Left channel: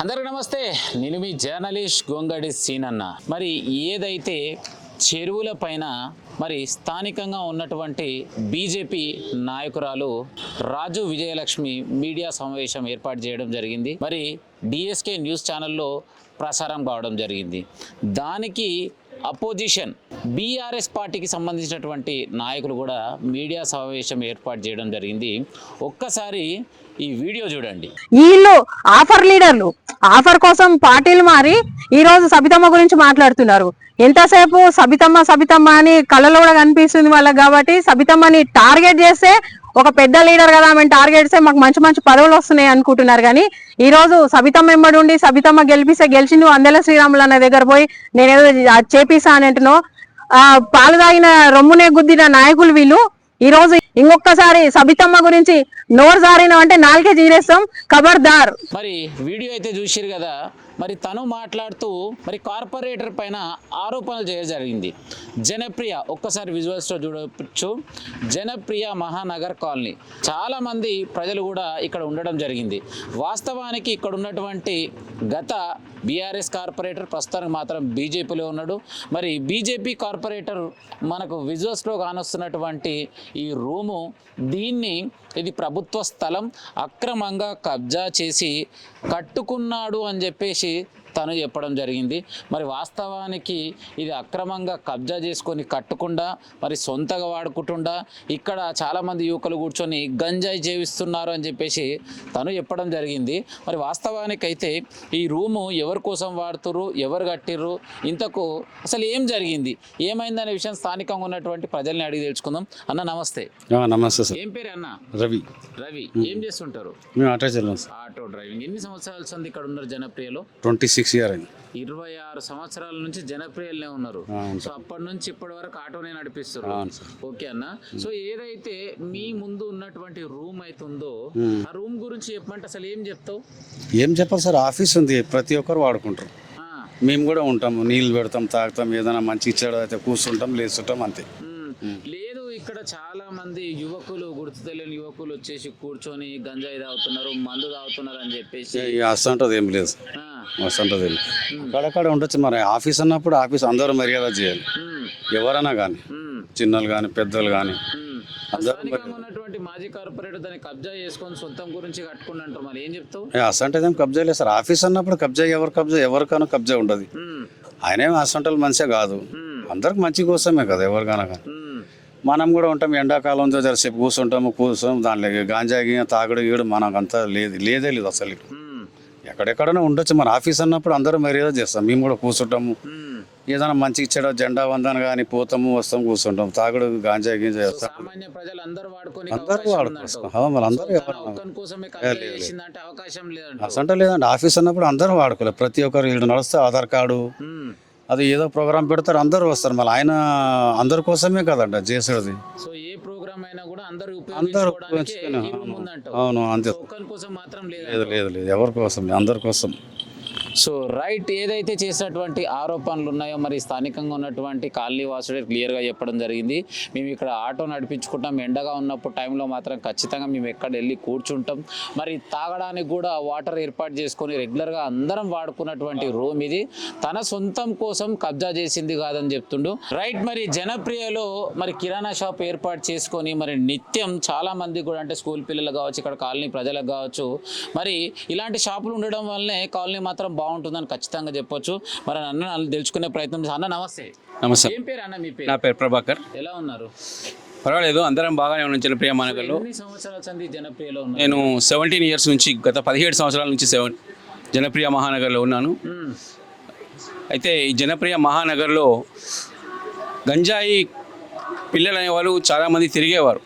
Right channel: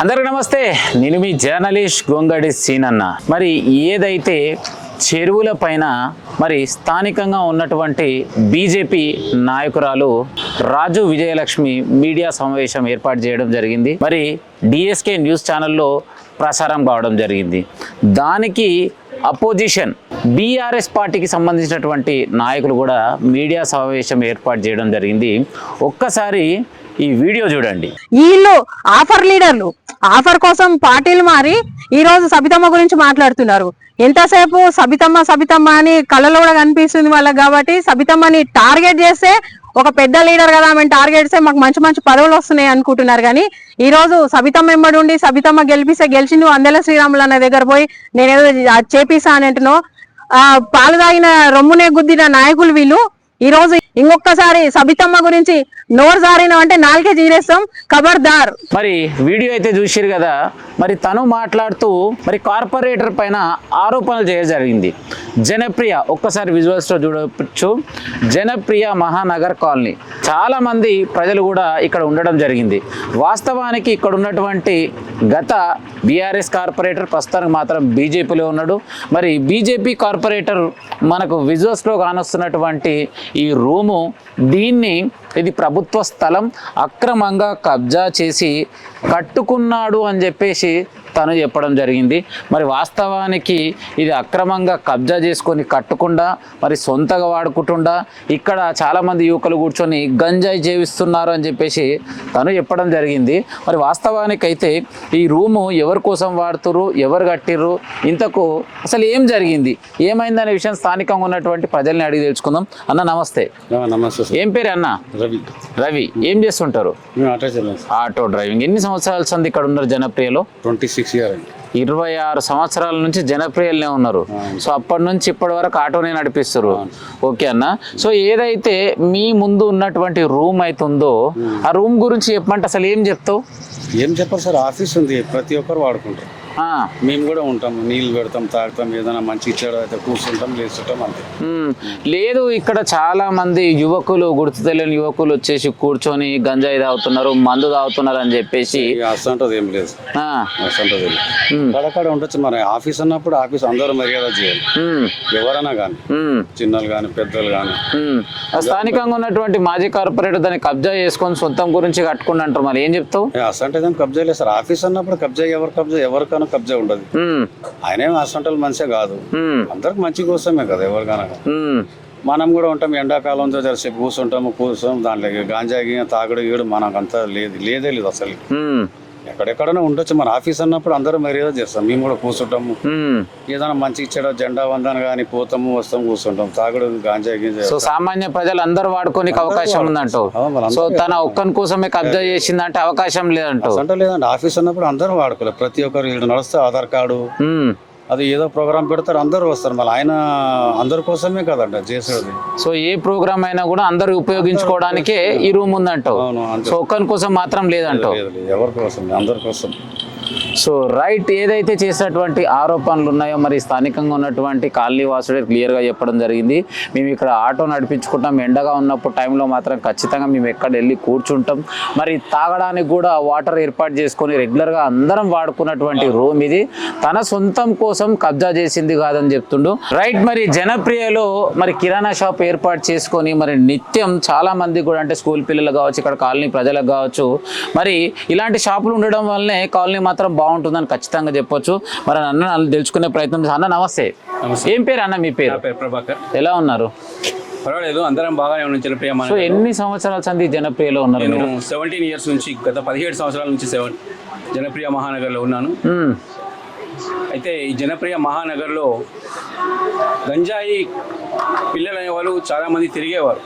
అందరికీ నమస్తే. నేను మీ జర్నలిస్ట్ గొంగడి సీనన్న. మరి ఏదైతే చెరువుల పైన మరి స్థానికంగా ఉన్నటువంటి బీజేపీ నాయకురాలు రాజు విజయలక్ష్మి మీడియా సమావేశం ఏర్పాటు చేయడం జరిగింది. మరి డిఎస్కే న్యూస్ ఛానల్లో ప్రసారం కావడం జరిగింది. దానికి అపోజిషన్ బీఆర్ఎస్ పార్టీకి సంబంధించినటువంటి నాయకులు కూడా మీడియా సమావేశం ఏర్పాటు చేయడం జరిగింది. ఒక్కసారి ఈ వీడియో చూడండి. వీళ్ళు ఆఫర్ లీడర్లు, ఆఫర్ కోసం పార్టీలు మారి ఈ రోజు సబితమ్మ గురించి మాట్లాడుతున్నారు. ఎంతసేపు సబితమ్మ సబితమ్మ అని కళ్ళలో కూడా కనిపిస్తుంది వాళ్ళకి. కాబట్టి సబితమ్మని టార్గెట్ చేస్తే ఒక పెద్ద లీడర్ కదా ఆమె టార్గెట్ చేస్తే మాకు మంచి మంచి పదవులు వస్తున్నాయి అనుకుంటున్నారు. కానీ ఈ రోజు సబితమ్మ వెంబడి ఉండి సబితమ్మ గెలిపిస్తే గెలిచి నువ్వు అందెల శ్రీరాములు అన్న దగ్గర పోయి నేనేదో చేపిస్తా అని అంటున్నావు. పాలు తాగిన రొమ్మునే గుద్దిన నాయకులు వీళ్ళు. ఈ రోజు ఇంకొకసారి సబితమ్మ గురించి నోరు జారిన అంటే నాలుగే జీరేస్తాం, ఖబర్దార్. మరి వీడియో అయితే చూసిరు కదా. మరి తను మాట్లాడుతూ మరి కార్పొరేటర్ పైన ఆరోపణలు చేయడం జరిగింది. జనప్రియ, ఒక్కసారి విజువల్స్లో చూడవచ్చు. జనప్రియ మహానగర్ కాలనీ చాలా మంది ప్రజలు కూడా ఇక్కడ ఉండడం జరిగింది. వాస్తవానికి ఇక్కడ ఉన్నటువంటి గత బీఆర్ఎస్ కార్పొరేటర్ ప్రస్తుతానికి మాత్రం బీజేపీలో ఉన్నాడు. మరి బీజేపీ కార్పొరేటర్ మనకు విజువల్స్లో కానొస్తున్నటువంటి ఈ రూము, ఇది ప్రభుత్వ స్థలం అక్రమంగా కబ్జా చేసి కట్టుకున్నాడు అని చెప్పేసి తను చెప్పడం జరిగింది. మరి వాస్తవానికి ఇది అక్రమంగా కబ్జా చేసుకొని కట్టకుండా మరి సొంతగా వాడుకుంటుండా ఇక్కడ చాలామంది యువకులు కూర్చొని గంజాయి జీవిస్తున్నారు అని చెప్పేసి తను చెప్పడం జరిగింది. మరి వాస్తవానికైతే ఈ రూము ఎవరి కోసం వాడుతురు, ఎవరు కట్టిర్రు, ఇంతకు అసలు ఏం జరిగింది, ఏమైందనే విషయం స్థానికంగా ఉన్నటువంటి ప్రజల్ని అడిగి తెలుసుకుందాం. అన్న నమస్తే. నమస్తే. ఏం పేరు అన్న? రవి. రవి, ఏం చేస్తుంటారు? Auto driving. ఎన్ని సంవత్సరాల సంది ఇక్కడ ఉన్నారు జనప్రియలో? 26 years. 26 సంవత్సరాల నుంచి జనప్రియలనే ఉన్నారు. సో అప్పటి నుంచి ఇప్పటి వరకు ఆటోనే నడిపిస్తారు. ఓకే అన్న. సో ఏదైతే మీ ముందు ఉన్నటువంటి రూమ్ అవుతుందో ఆ రూమ్ గురించి చెప్పమంటే అసలు ఏం చెప్తావు? ఏం చెప్పాలి సార్, ఆఫీస్ ఉంది, ప్రతి ఒక్కరు వాడుకుంటారు. మేము కూడా ఉంటాము, నీళ్ళు పెడతాం, తాగుతాం, ఏదైనా మంచి ఇచ్చాడు అయితే కూర్చుంటాం, లేస్తుంటాం, అంతే. లేదు, ఇక్కడ చాలా మంది యువకులు, గుర్తు తెలియని యువకులు వచ్చేసి కూర్చొని గంజాయి తాగుతున్నారు, మందు తాగుతున్నారు అని చెప్పేసి అసంటది ఏం లేదు. అసంటది అక్కడ ఉండొచ్చు. మరి ఆఫీస్ అన్నప్పుడు ఆఫీస్ అందరూ మర్యాద చేయాలి, ఎవరైనా కానీ, చిన్నలు కానీ పెద్దలు కానీ. స్థానికంగా ఉన్నటువంటి మాజీ కార్పొరేటర్ దాన్ని కబ్జా చేసుకొని సొంతం గురించి కట్టుకుని అంటారు. మరి ఏం చెప్తావు? అసంటది ఏం కబ్జా లేదు సార్. ఆఫీస్ అన్నప్పుడు కబ్జా ఎవరికైనా కబ్జా ఉండదు. ఆయనేం అసంటలు మంచిగా కాదు, అందరికి మంచి కోసమే కదా, ఎవరికైనా. మనం కూడా ఉంటాం, ఎండాకాలం జరసేపు కూర్చుంటాము, దాంట్లో గాంజా తాగుడు గీడు మనకంతా లేదే లేదు అసలు. ఎక్కడెక్కడైనా ఉండొచ్చు. మన ఆఫీస్ అన్నప్పుడు అందరూ మర్యాద చేస్తాం, మేము కూడా కూర్చుంటాము, ఏదైనా మంచి ఇచ్చాడో జెండా వందన కానీ పోతాము, వస్తాం, కూర్చుంటాం. తాగుడు గాంజా సామాన్య ప్రజలు అందరూ వాడుకోనికి అవకాశం ఉందంటూ. సో తన ఒక్కని కోసమే కబ్జా చేసిందంటే అవకాశం లేదంటూ. అంటే లేదంటే ఆఫీస్ అన్నప్పుడు అందరూ వాడుకోలేదు, ప్రతి ఒక్కరు వీడు నడుస్తే ఆధార్ కార్డు అది ఏదో ప్రోగ్రామ్ పెడతారు, అందరూ వస్తారు. మళ్ళీ ఆయన అందరి కోసమే కదంట చేసేది. సో ఏ ప్రోగ్రామ్ అయినా కూడా అందరు ఉపయోగించుకోవడానికే ఈ రూమ్ ఉందంటావు. సో ఒక్కరి కోసం మాత్రం లేదంటావు. ఎవరి కోసం, అందరి కోసం. సో రైట్, ఏదైతే చేసినటువంటి ఆరోపణలు ఉన్నాయో మరి స్థానికంగా ఉన్నటువంటి కాలనీ వాసుడే క్లియర్గా చెప్పడం జరిగింది. మేము ఇక్కడ ఆటో నడిపించుకుంటాం, ఎండగా ఉన్నప్పుడు టైంలో మాత్రం ఖచ్చితంగా మేము ఎక్కడ వెళ్ళి కూర్చుంటాం. మరి తాగడానికి కూడా వాటర్ ఏర్పాటు చేసుకొని రెగ్యులర్గా అందరం వాడుకున్నటువంటి రూమ్ ఇది. తన సొంతం కోసం కబ్జా చేసింది కాదని చెప్తుండు. రైట్, మరి జనప్రియలో మరి కిరాణా షాప్ ఏర్పాటు చేసుకొని మరి నిత్యం చాలా మంది కూడా, అంటే స్కూల్ పిల్లలు కావచ్చు, ఇక్కడ కాలనీ ప్రజలకు కావచ్చు, మరి ఇలాంటి షాపులు ఉండడం వల్లనే కాలనీ మాత్రం బాగుంటుందని ఖచ్చితంగా చెప్పొచ్చు. మరి అన్న తెలుసుకునే ప్రయత్నం. అన్న నమస్తే. ఏం పేరు అన్న? మీ పేరు? నా పేరు ప్రభాకర్. ఎలా ఉన్నారు? పర్వాలేదు, అందరం బాగానే ఉన్నాం. జనప్రియ ఎన్ని సంవత్సరాల సంది జనప్రియలో ఉన్నారు? నేను 17 years నుంచి, గత 17 సంవత్సరాల నుంచి జనప్రియ మహానగర్లో ఉన్నాను. అయితే ఈ జనప్రియ మహానగర్లో గంజాయి పిల్లలు అనేవాళ్ళు చాలామంది తిరిగేవారు.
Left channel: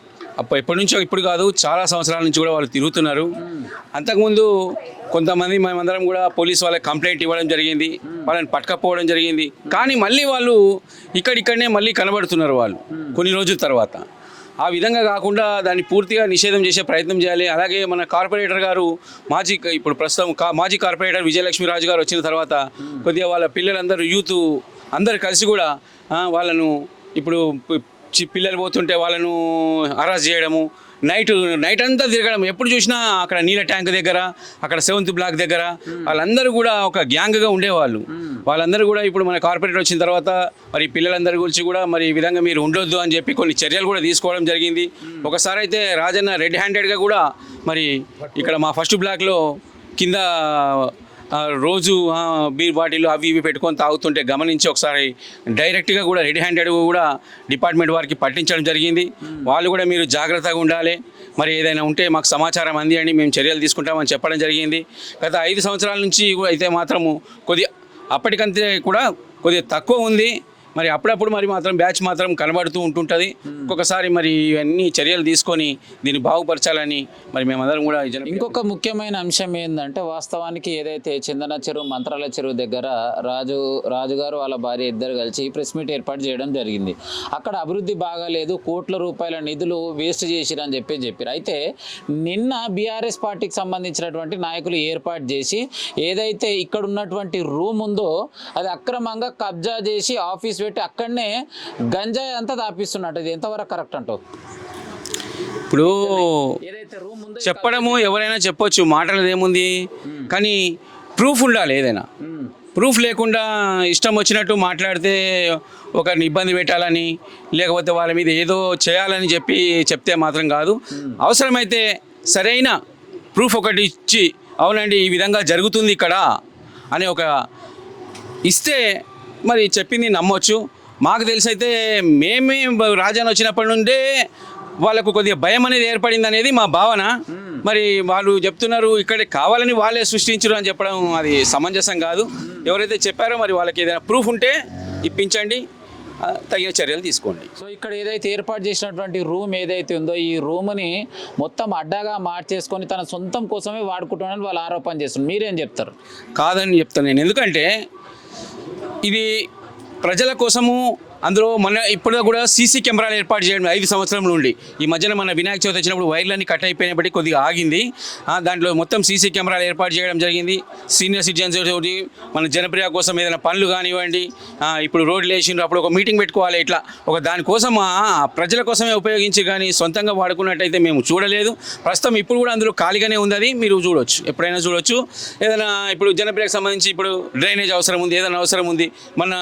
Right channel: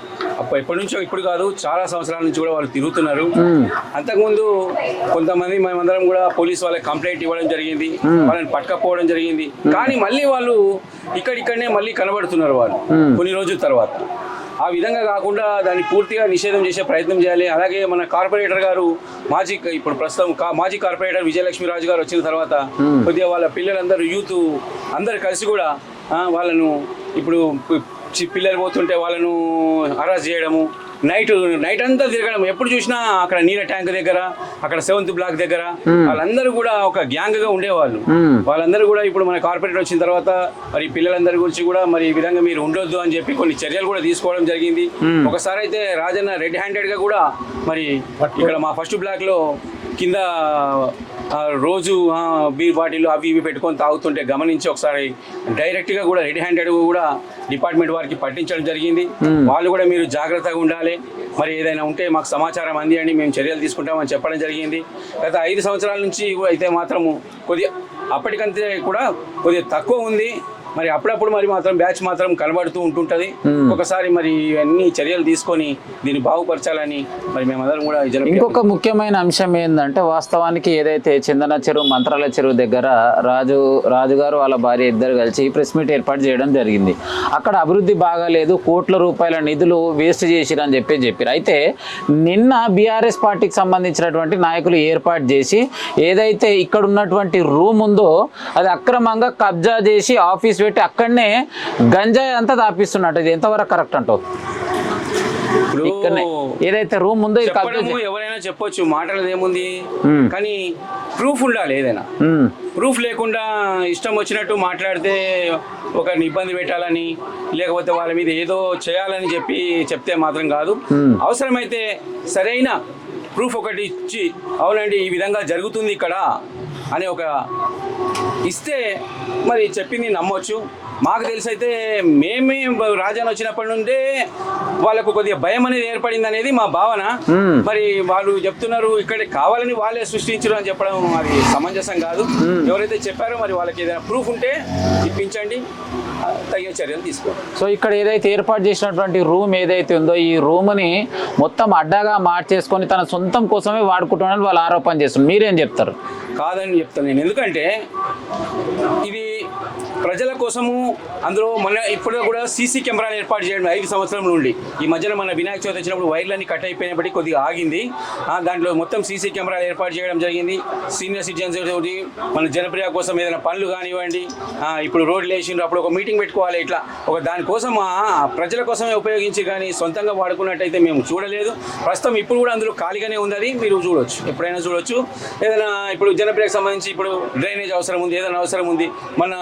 ఎప్పటి నుంచో, ఇప్పుడు కాదు, చాలా సంవత్సరాల నుంచి కూడా వాళ్ళు తిరుగుతున్నారు. అంతకుముందు కొంతమంది మేమందరం కూడా పోలీసు వాళ్ళకి కంప్లైంట్ ఇవ్వడం జరిగింది, వాళ్ళని పట్టుకపోవడం జరిగింది. కానీ మళ్ళీ వాళ్ళు ఇక్కడిక్కడనే మళ్ళీ కనబడుతున్నారు వాళ్ళు కొన్ని రోజుల తర్వాత. ఆ విధంగా కాకుండా దాన్ని పూర్తిగా నిషేధం చేసే ప్రయత్నం చేయాలి. అలాగే మన కార్పొరేటర్ గారు, ఇప్పుడు ప్రస్తుతం మాజీ కార్పొరేటర్ విజయలక్ష్మి గారు వచ్చిన తర్వాత కొద్దిగా వాళ్ళ పిల్లలందరూ, యూత్ అందరు కలిసి కూడా వాళ్ళను, ఇప్పుడు పిల్లలు పోతుంటే వాళ్ళను అరెస్ట్ చేయడము, నైట్ అంతా తిరగడం, ఎప్పుడు చూసినా అక్కడ నీళ్ళ ట్యాంక్ దగ్గర, అక్కడ 7th బ్లాక్ దగ్గర వాళ్ళందరూ కూడా ఒక గ్యాంగ్ గా ఉండేవాళ్ళు. వాళ్ళందరూ కూడా ఇప్పుడు మన కార్పొరేటర్ వచ్చిన తర్వాత మరి పిల్లలందరి గురించి కూడా మరి ఈ విధంగా మీరు ఉండొద్దు అని చెప్పి కొన్ని చర్యలు కూడా తీసుకోవడం జరిగింది. ఒకసారి అయితే రాజన్న రెడ్ హ్యాండెడ్ గా కూడా మరి ఇక్కడ మా ఫస్ట్ బ్లాక్ లో కింద రోజు బీర్ బాటిల్ అవి ఇవి పెట్టుకొని తాగుతుంటే గమనించి ఒకసారి డైరెక్ట్గా కూడా రెడ్ హ్యాండెడ్ కూడా డిపార్ట్మెంట్ వారికి పట్టించడం జరిగింది. వాళ్ళు కూడా మీరు జాగ్రత్తగా ఉండాలి, మరి ఏదైనా ఉంటే మాకు సమాచారం అందియండి, మేము చర్యలు తీసుకుంటామని చెప్పడం జరిగింది. గత 5 సంవత్సరాల నుంచి అయితే మాత్రము కొద్దిగా అప్పటికంతే కూడా కొద్దిగా తక్కువ ఉంది. మరి అప్పుడప్పుడు మరి మాత్రం బ్యాచ్ మాత్రం కనబడుతూ ఉంటుంటుంది. ఒకసారి మరి ఇవన్నీ చర్యలు తీసుకొని దీన్ని బాగుపరచాలని మరి మేమందరం కూడా ఇంకొక ముఖ్యమైన అంశం ఏంటంటే వాస్తవానికి ఏదైతే చందన చెరువు మంత్రాలయ చెరువు దగ్గర రాజుగారు వాళ్ళ భార్య ఇద్దరు కలిసి ప్రెస్ మీట్ ఏర్పాటు చేయడం జరిగింది. అక్కడ అభివృద్ధి బాగాలేదు, కోట్ల రూపాయల నిధులు వేస్ట్ చేసిరని చెప్పారు. అయితే నిన్న బీఆర్ఎస్ పార్టీకి సంబంధించినటువంటి నాయకులు ఏర్పాటు చేసి ఏదైతే ఇక్కడ ఉన్నటువంటి రూమ్ ఉందో అది అక్రమంగా కబ్జా చేసి ఆఫీస్ పెట్టి అక్కడనే గంజాయి అంతా దాపిస్తున్నట్టు. ఇది ఎంతవరకు కరెక్ట్ అంటావు? ఇప్పుడు ఏదైతే రూమ్ ఉందో చెప్పడము ఎవరైనా చెప్పొచ్చు, మాటలు ఏముంది, కానీ ప్రూఫ్ ఉండాలి. ఏదైనా ప్రూఫ్ లేకుండా ఇష్టం వచ్చినట్టు మాట్లాడితే ఒకరిని ఇబ్బంది పెట్టాలని లేకపోతే వాళ్ళ మీద ఏదో చేయాలని చెప్తే మాత్రం కాదు. అవసరమైతే సరైన ప్రూఫ్ ఒకటి ఇచ్చి అవునండి ఈ విధంగా జరుగుతుంది ఇక్కడ అని ఒక ఇస్తే మరి చెప్పింది నమ్మొచ్చు. మాకు తెలిసైతే మేమే రాజాను వచ్చినప్పటి నుండే వాళ్ళకు కొద్దిగా భయం అనేది ఏర్పడింది అనేది మా భావన. మరి వాళ్ళు చెప్తున్నారు ఇక్కడ కావాలని వాళ్ళే సృష్టించరు అని చెప్పడం అది సమంజసం కాదు. ఎవరైతే చెప్పారో మరి వాళ్ళకి ఏదైనా ప్రూఫ్ ఉంటే ఇప్పించండి, తగిన చర్యలు తీసుకోండి. సో ఇక్కడ ఏదైతే ఏర్పాటు చేసినటువంటి రూమ్ ఏదైతే ఉందో ఈ రూమ్ని మొత్తం అడ్డాగా మార్చేసుకొని తన సొంతం కోసమే వాడుకుంటున్నారని వాళ్ళు ఆరోపణ చేస్తున్నారు. మీరేం చెప్తారు? కాదని చెప్తాను నేను. ఎందుకంటే ఇది ప్రజల కోసము, అందులో మన ఇప్పుడు కూడా సీసీ కెమెరాలు ఏర్పాటు చేయడం 5 సంవత్సరాల నుండి. ఈ మధ్యన మన వినాయక చవితి వచ్చినప్పుడు వైర్లన్నీ కట్ అయిపోయినప్పటికీ కొద్దిగా ఆగింది. దాంట్లో మొత్తం సీసీ కెమెరాలు ఏర్పాటు చేయడం జరిగింది. సీనియర్ సిటిజన్స్ తోటి మన జనప్రియ కోసం ఏదైనా పనులు కానివ్వండి, ఇప్పుడు రోడ్లు వేసిండ్రు, అప్పుడు ఒక మీటింగ్ పెట్టుకోవాలి, ఇట్లా ఒక దానికోసం ప్రజల కోసమే ఉపయోగించి కానీ సొంతంగా వాడుకున్నట్టయితే మేము చూడలేదు. ప్రస్తుతం ఇప్పుడు కూడా అందులో ఖాళీగానే ఉంది, అది మీరు చూడవచ్చు, ఎప్పుడైనా చూడవచ్చు. ఏదైనా ఇప్పుడు జనప్రియకు సంబంధించి ఇప్పుడు డ్రైనేజ్ అవసరం ఉంది, ఏదైనా అవసరం ఉంది, మన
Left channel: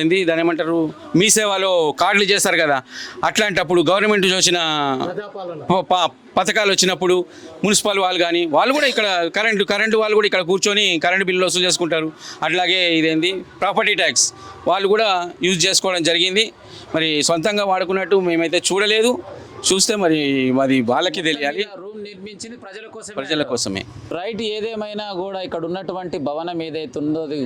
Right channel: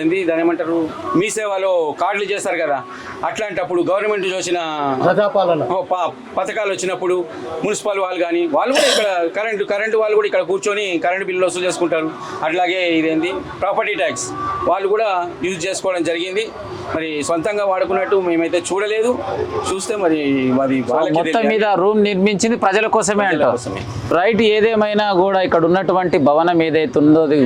ఏంది దాని ఏమంటారు మీ సేవలో కార్డులు చేస్తారు కదా, అట్లాంటప్పుడు గవర్నమెంట్ చూసిన పథకాలు వచ్చినప్పుడు మున్సిపల్ వాళ్ళు కానీ వాళ్ళు కూడా ఇక్కడ కరెంటు వాళ్ళు కూడా ఇక్కడ కూర్చొని కరెంటు బిల్లు వసూలు చేసుకుంటారు. అట్లాగే ఇదేంది ప్రాపర్టీ ట్యాక్స్ వాళ్ళు కూడా యూజ్ చేసుకోవడం జరిగింది. మరి సొంతంగా వాడుకున్నట్టు మేమైతే చూడలేదు. చూస్తే మరి అది వాళ్ళకి మీద రూమ్ నిర్మించింది ప్రజల కోసమే. రైట్. ఏదేమైనా కూడా ఇక్కడ ఉన్నటువంటి భవనం ఏదైతే ఉందో అది